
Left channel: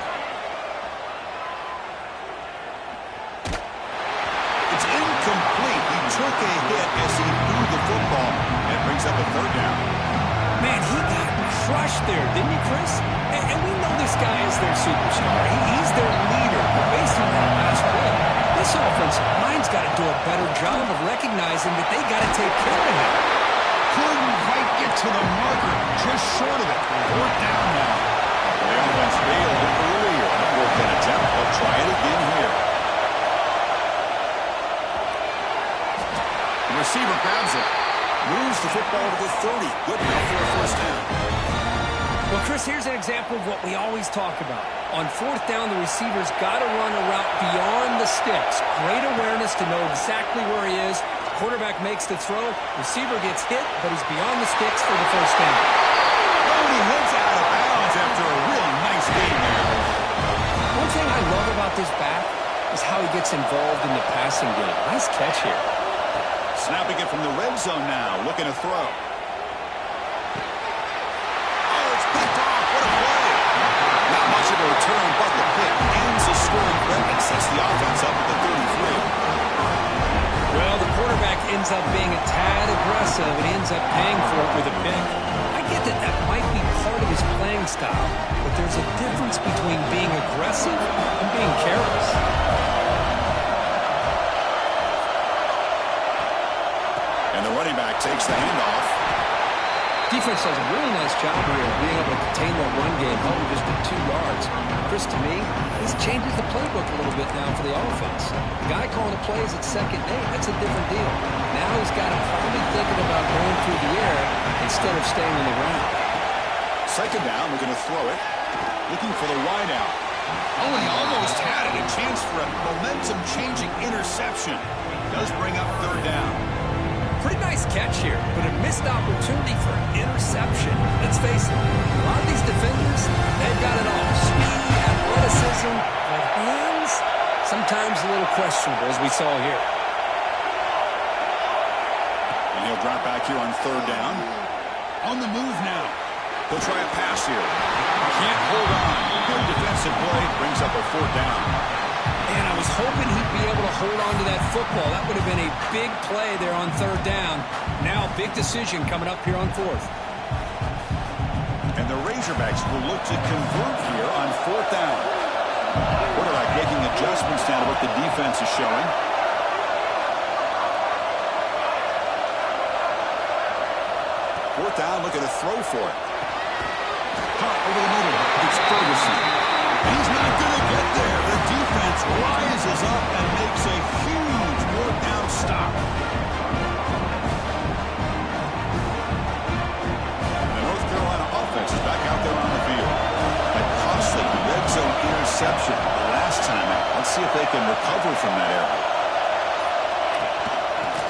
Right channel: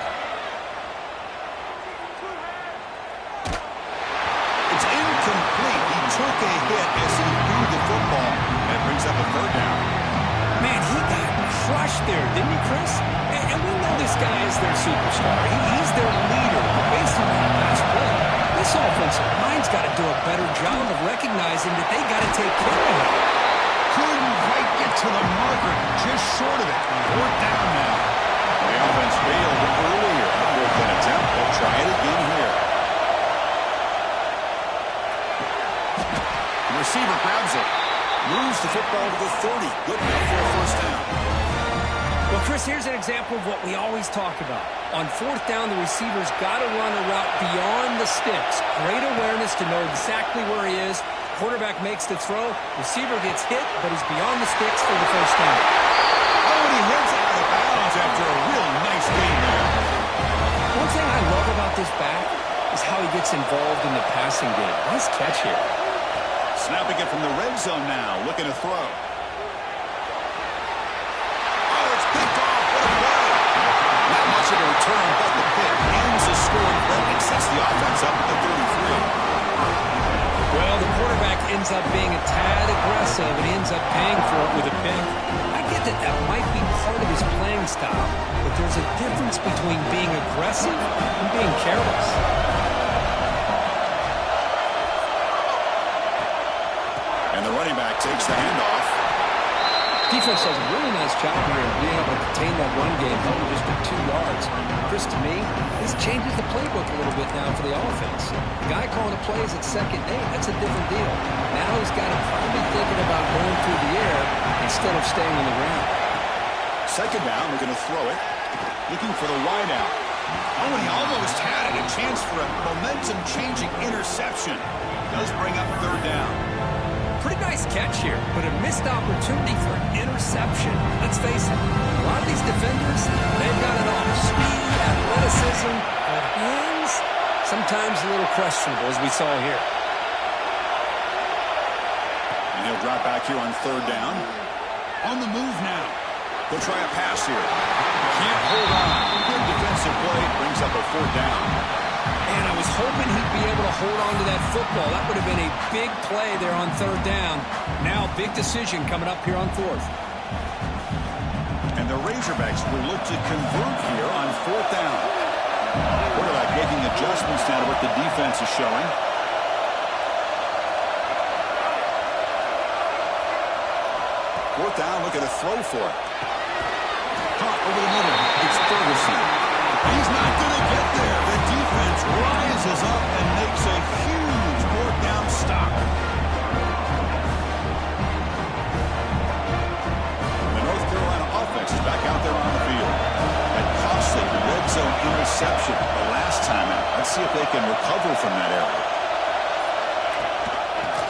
It's incomplete. He took a hit as he threw the football, and it brings up a 3rd down. Man, he got crushed there, didn't he, Chris? And we know this guy is their superstar. He's their leader. But based on that last play, this offensive line's got to do a better job of recognizing that they got to take care of him. Couldn't quite get to the marker, just short of it. 4th down now. The offense failed earlier on a 4th down attempt. They'll try it again here. The receiver grabs it. Moves the football to the 30. Good enough for a first down. Well, Chris, here's an example of what we always talk about. On 4th down, the receiver's got to run a route beyond the sticks. Great awareness to know exactly where he is. Quarterback makes the throw. Receiver gets hit, but he's beyond the sticks for the first down. Oh, and he heads out of bounds after a real nice gain there. One thing I love about this back, is how he gets involved in the passing game. Nice catch here. Snapping it from the red zone now, looking to throw. Oh, it's picked off. What a play. Not much of a return, but the pick ends the scoring threat and sets the offense up at the 33. Well, the quarterback ends up being a tad aggressive and ends up paying for it with a pick. I get that that might be part of his playing style, but there's a difference between being aggressive and being careless. And the running back takes the handoff. Defense does a really nice job here of being able to contain that run game, held him just at 2 yards. Chris, to me, this changes the playbook a little bit now for the offense. The guy calling the plays at 2nd and 8, that's a different deal. Now he's got him probably thinking about going through the air instead of staying on the ground. 2nd down, we're going to throw it. Looking for the wide out. Oh, and he almost had it. A chance for a momentum-changing interception. Does bring up 3rd down. Pretty nice catch here, but a missed opportunity for interception. Let's face it, a lot of these defenders, they've got it all. Speed, athleticism, but hands, sometimes a little questionable, as we saw here. And he'll drop back here on 3rd down. On the move now. He'll try a pass here. Can't hold on. Good defensive play. Brings up a 4th down. And I was hoping he'd be able to hold on to that football. That would have been a big play there on 3rd down. Now, big decision coming up here on 4th. And the Razorbacks will look to convert here on 4th down. Quarterback making adjustments now to what the defense is showing. Fourth down, looking to throw for it. Caught over the middle. It's Ferguson. And he's not going to get there. The defense rises up and makes a huge 4th down stop. And the North Carolina offense is back out there on the field. That costly red zone interception the last time out. Let's see if they can recover from that error.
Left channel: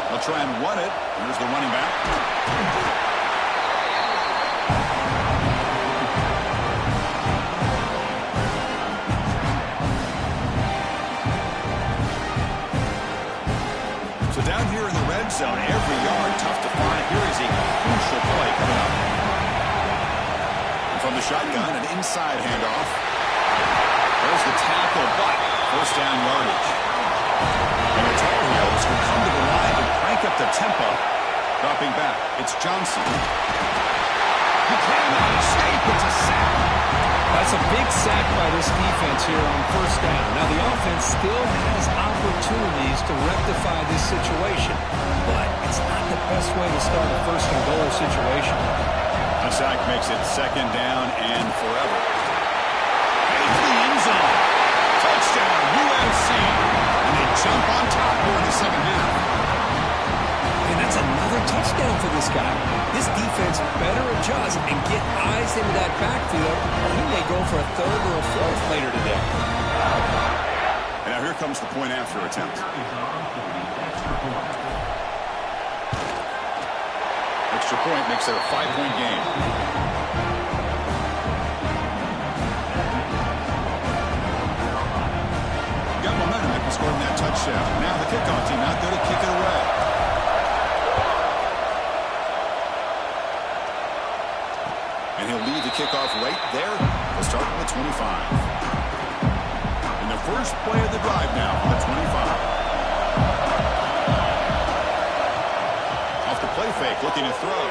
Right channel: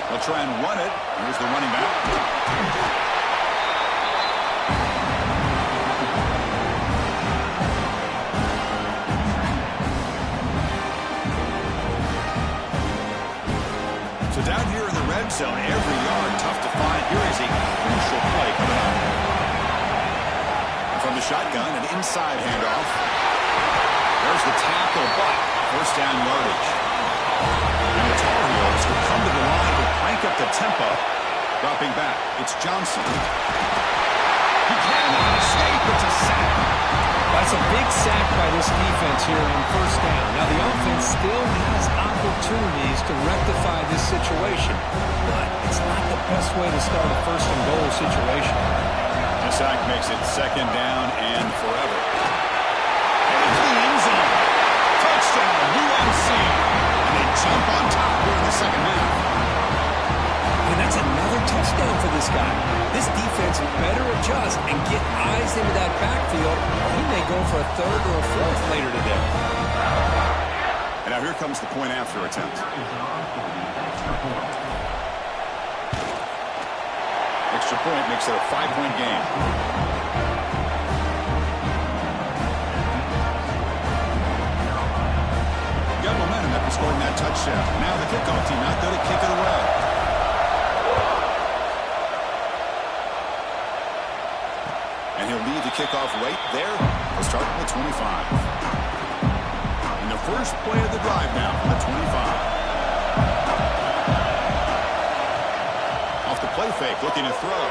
They'll try and run it. Here's the running back. So down here in the red zone, every yard tough to find. Here is a crucial play coming up. And from the shotgun, an inside handoff. There's the tackle, but 1st down yardage. And the Tar Heels will come to the line to crank up the tempo. Dropping back, it's Johnson. He cannot escape. It's a sack. That's a big sack by this defense here on 1st down. Now, the offense still has opportunities to rectify this situation, but it's not the best way to start a 1st and goal situation. A sack makes it 2nd down and forever. Heading to the end zone. Touchdown, UNC. And they jump on top here in the 2nd half. And that's another touchdown for this guy. This defense better adjust and get eyes into that backfield, or he may go for a 3rd or a 4th later today. And now here comes the point after attempt. Extra point makes it a 5-point game. Got momentum after scoring that touchdown. Now the kickoff team out there to kick it away. And he'll lead the kickoff right there. He'll start from the 25. And the first play of the drive now from the 25. Off the play fake, looking to throw.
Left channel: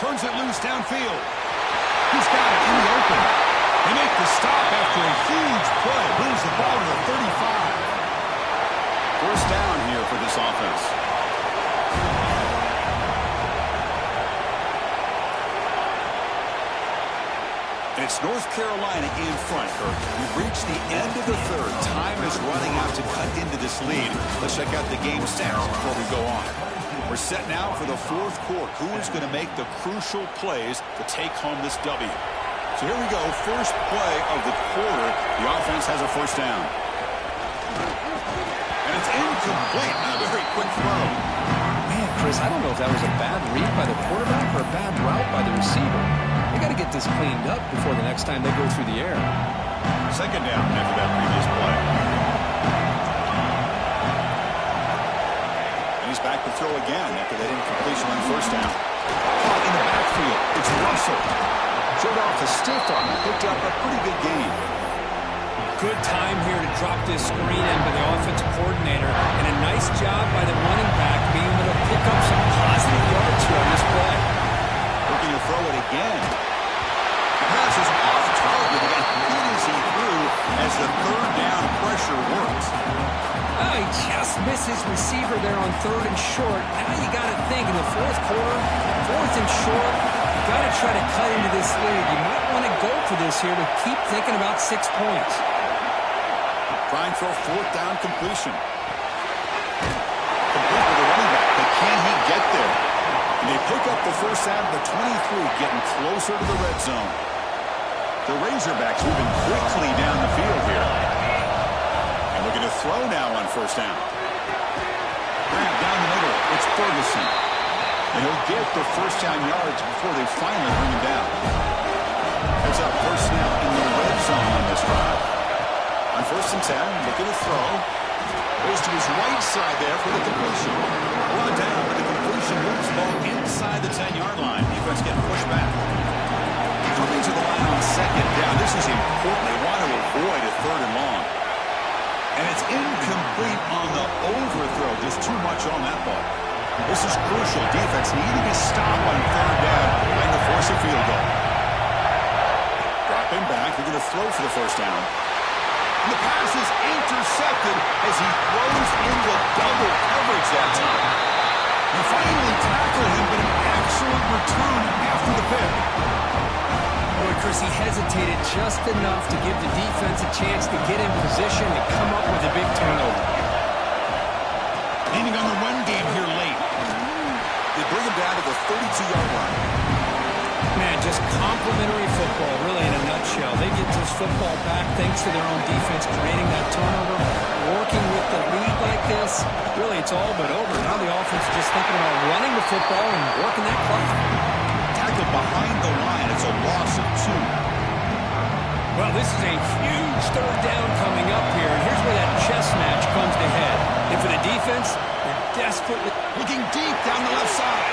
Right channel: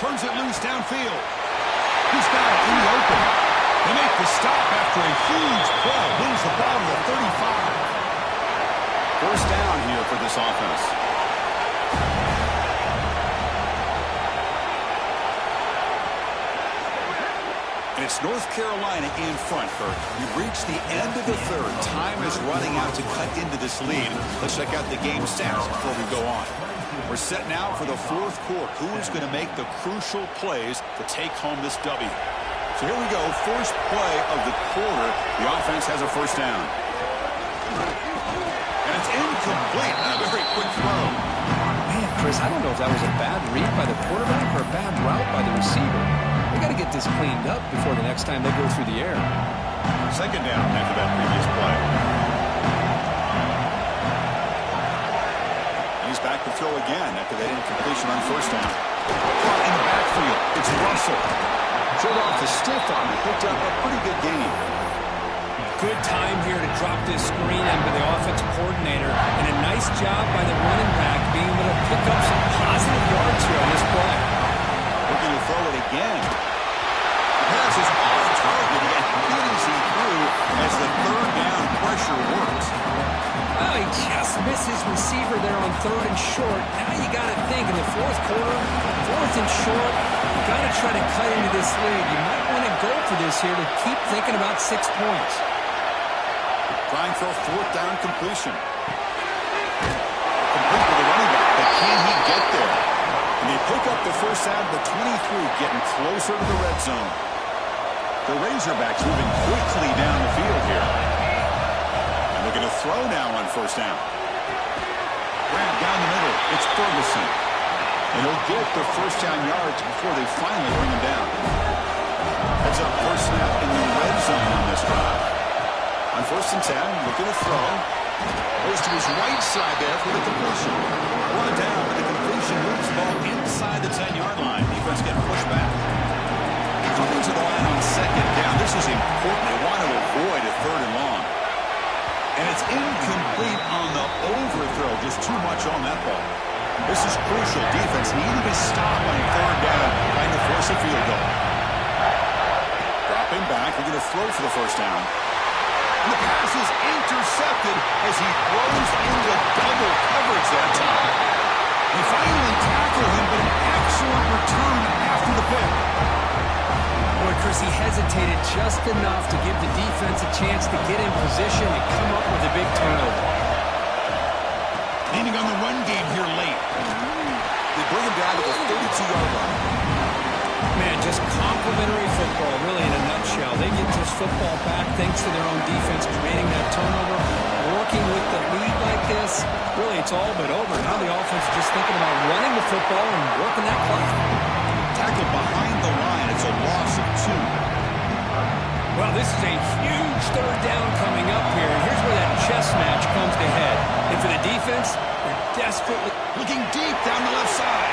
Turns it loose downfield. He's got it in the open. They make the stop after a huge play. Moves the ball to the 35. 1st down here for this offense. And it's North Carolina in front, Kirk. We've reached the end of the 3rd. Time is running out to cut into this lead. Let's check out the game stats before we go on. We're set now for the 4th quarter. Who is going to make the crucial plays to take home this W? So here we go. First play of the quarter. The offense has a 1st down. And it's incomplete. A very quick throw. Man, Chris, I don't know if that was a bad read by the quarterback or a bad route by the receiver. They got to get this cleaned up before the next time they go through the air. 2nd down after that previous play. He's back to throw again after that incompletion on first down. Caught in the backfield. It's Russell. Showed off the stiff arm and picked up a pretty good gain. Good time here to drop this screen in by the offensive coordinator, and a nice job by the running back being able to pick up some positive yards here on this play. Looking to throw it again. The pass is off target. He got hit as he threw as the third down pressure works. Oh, he just missed his receiver there on 3rd and short. Now you got to think in the fourth quarter, 4th and short, you got to try to cut into this lead. You might want to go for this here to keep thinking about 6 points. Trying for a 4th down completion. Complete with the running back, but can he get there? And they pick up the first down at the 23, getting closer to the red zone. The Razorbacks moving quickly down the field here. And looking to throw now on first down. Grant down the middle. It's Ferguson. And he'll get the first down yards before they finally bring him down. Heads up first snap in the red zone on this drive. On 1st and 10, looking to throw. Goes to his right side there for the completion. Brought down with the completion. Moves the ball inside the 10-yard line. Defense getting pushed back. Coming to the line on 2nd down. This is important. They want to avoid a 3rd and long. And it's incomplete on the overthrow. Just too much on that ball. This is crucial. Defense needing a stop on 3rd down, trying to force a field goal. Dropping back. They're going to throw for the first down. And the pass is intercepted as he throws into double coverage that time. They finally tackle him, but an excellent return after the pick. Boy, Chris, he hesitated just enough to give the defense a chance to get in position and come up with a big turnover. Leaning on the run game here late. They bring him down to the 32-yard line. Man, just complimentary football, really, in a nutshell. They get this football back thanks to their own defense, creating that turnover, working with the lead like this. Really, it's all but over. Now the offense is just thinking about running the football and working that clock. Tackled behind the line. It's a loss of 2. Well, this is a huge 3rd down coming up here, and here's where that chess match comes to head. And for the defense, they're desperately looking deep down the left side.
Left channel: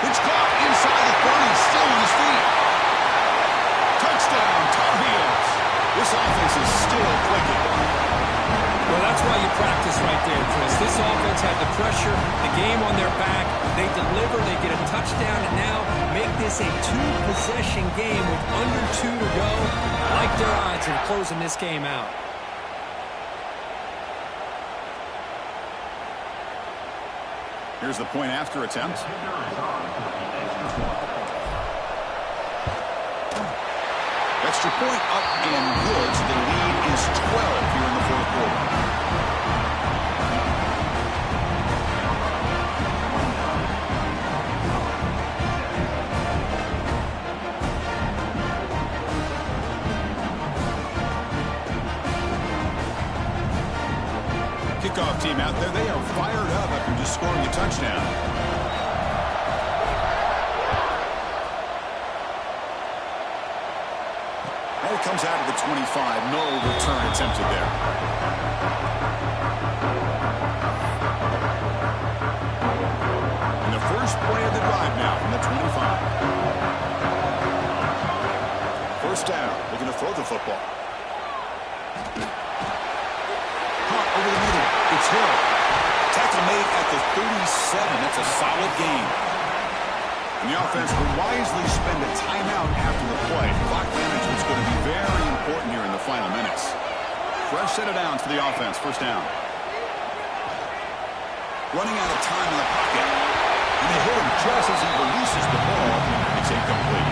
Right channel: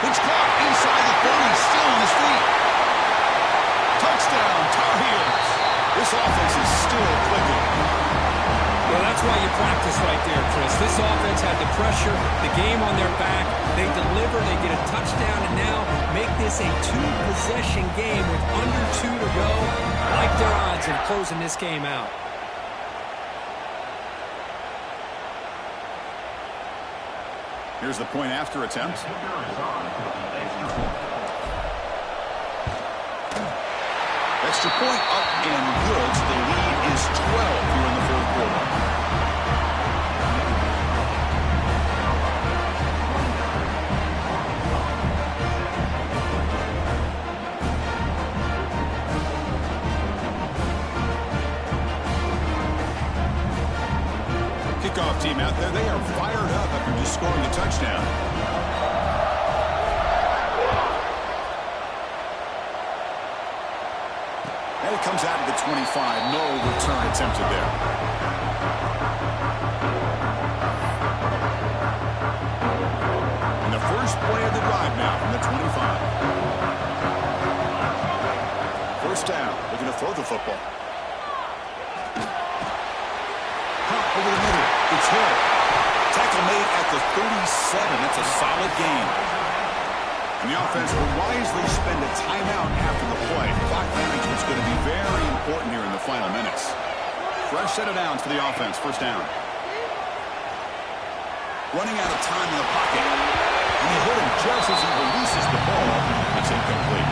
It's caught inside the 30, still on his feet. Touchdown, Tar Heels. This offense is still clicking. Well, that's why you practice right there, Chris. This offense had the pressure, the game on their back. They deliver, they get a touchdown, and now make this a 2-possession game with under 2 to go. I like their odds in closing this game out. Here's the point after attempt. Extra point up and good. So the lead is 12 here in the 4th quarter. Kickoff team out there. They are fired up after just scoring a touchdown. And it comes out of the 25. No return attempted there. And the first play of the drive now from the 25. First down. Looking to throw the football. Caught over the middle. It's Hill. Tackle made at the 37. That's a solid gain. And the offense will wisely spend a timeout after the play. Clock management is going to be very important here in the final minutes. Fresh set of downs for the offense. First down. Running out of time in the pocket. And they hit him just as he releases the ball. It's incomplete.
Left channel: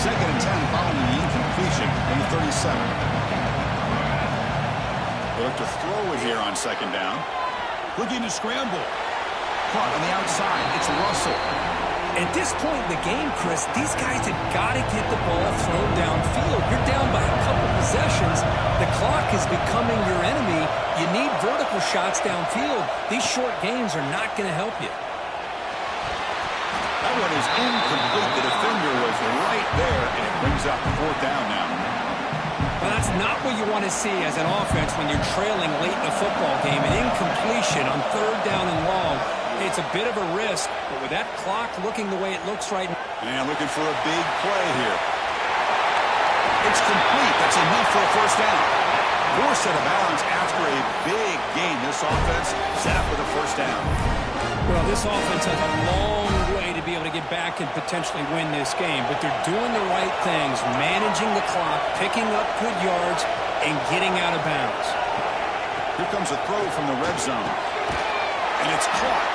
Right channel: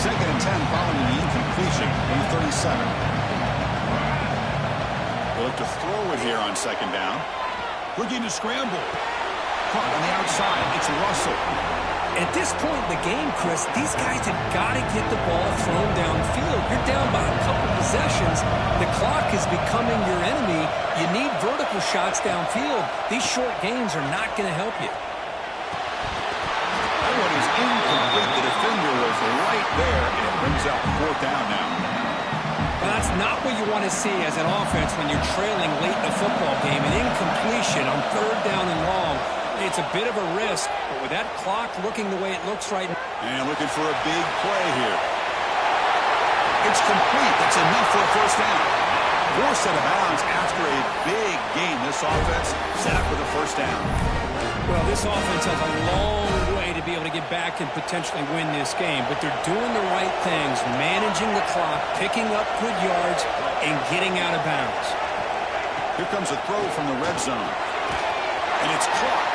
2nd and 10 following the incompletion from the 37. They'll look to throw it here on 2nd down. Looking to scramble. Caught on the outside. It's Russell. At this point in the game, Chris, these guys have got to get the ball thrown downfield. You're down by a couple possessions. The clock is becoming your enemy. You need vertical shots downfield. These short gains are not going to help you. That one is incomplete. The defender was right there, and it brings up 4th down now. Well, that's not what you want to see as an offense when you're trailing late in a football game. An incompletion on 3rd down and long. It's a bit of a risk, but with that clock looking the way it looks right now. And looking for a big play here. It's complete. That's enough for a first down. Forced out of bounds after a big gain. This offense set up with a first down. Well, this offense has a long way to be able to get back and potentially win this game, but they're doing the right things, managing the clock, picking up good yards, and getting out of bounds. Here comes a throw from the red zone. And it's caught.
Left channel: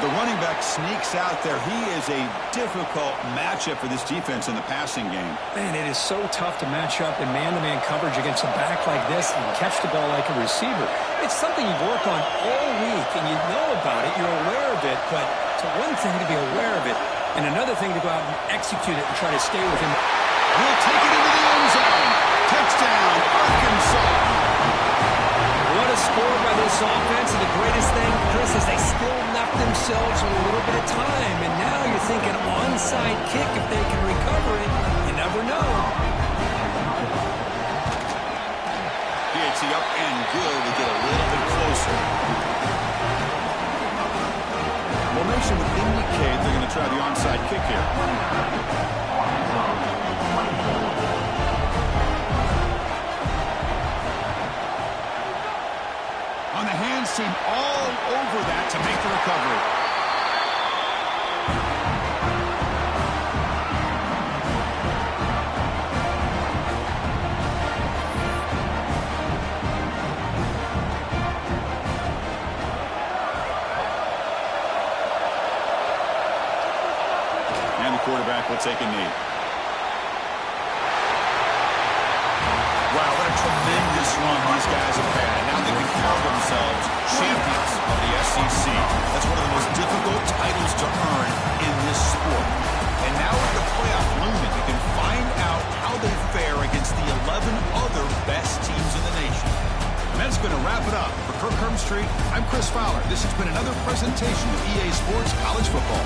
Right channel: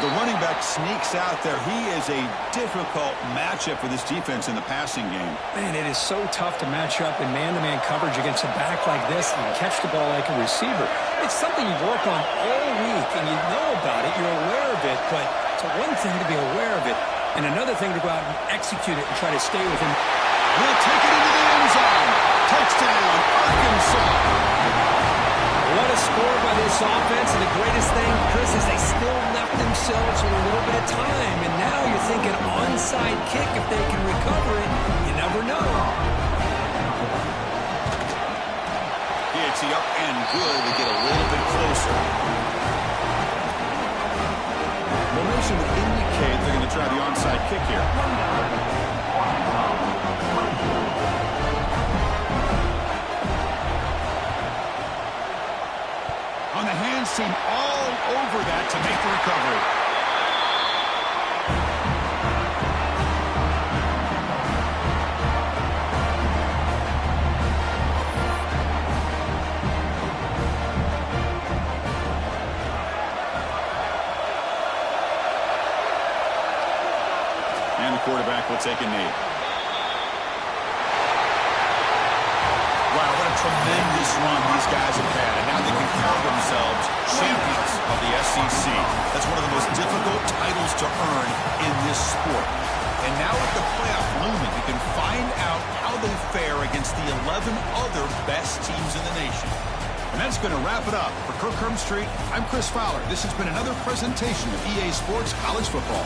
The running back sneaks out there. He is a difficult matchup for this defense in the passing game. Man, it is so tough to match up in man-to-man coverage against a back like this and catch the ball like a receiver. It's something you work on all week, and you know about it. You're aware of it, but it's one thing to be aware of it, and another thing to go out and execute it and try to stay with him. He'll take it into the end zone. Touchdown, Arkansas. What a score by this offense, and the greatest thing, Chris, is they still left themselves with a little bit of time, and now you're thinking onside kick if they can recover it. You never know. PAT up and good. We get a little bit closer. Formation would indicate they're going to try the onside kick here. On the hands team all over that to make the recovery. And the quarterback will take a knee. Wow, what a tremendous run these guys have had. And now they can call themselves champions of the SEC. That's one of the most difficult titles to earn in this sport. And now with the playoff looming, we can find out how they fare against the 11 other best teams in the nation. And that's going to wrap it up. For Kirk Herbstreit, I'm Chris Fowler. This has been another presentation of EA Sports College Football.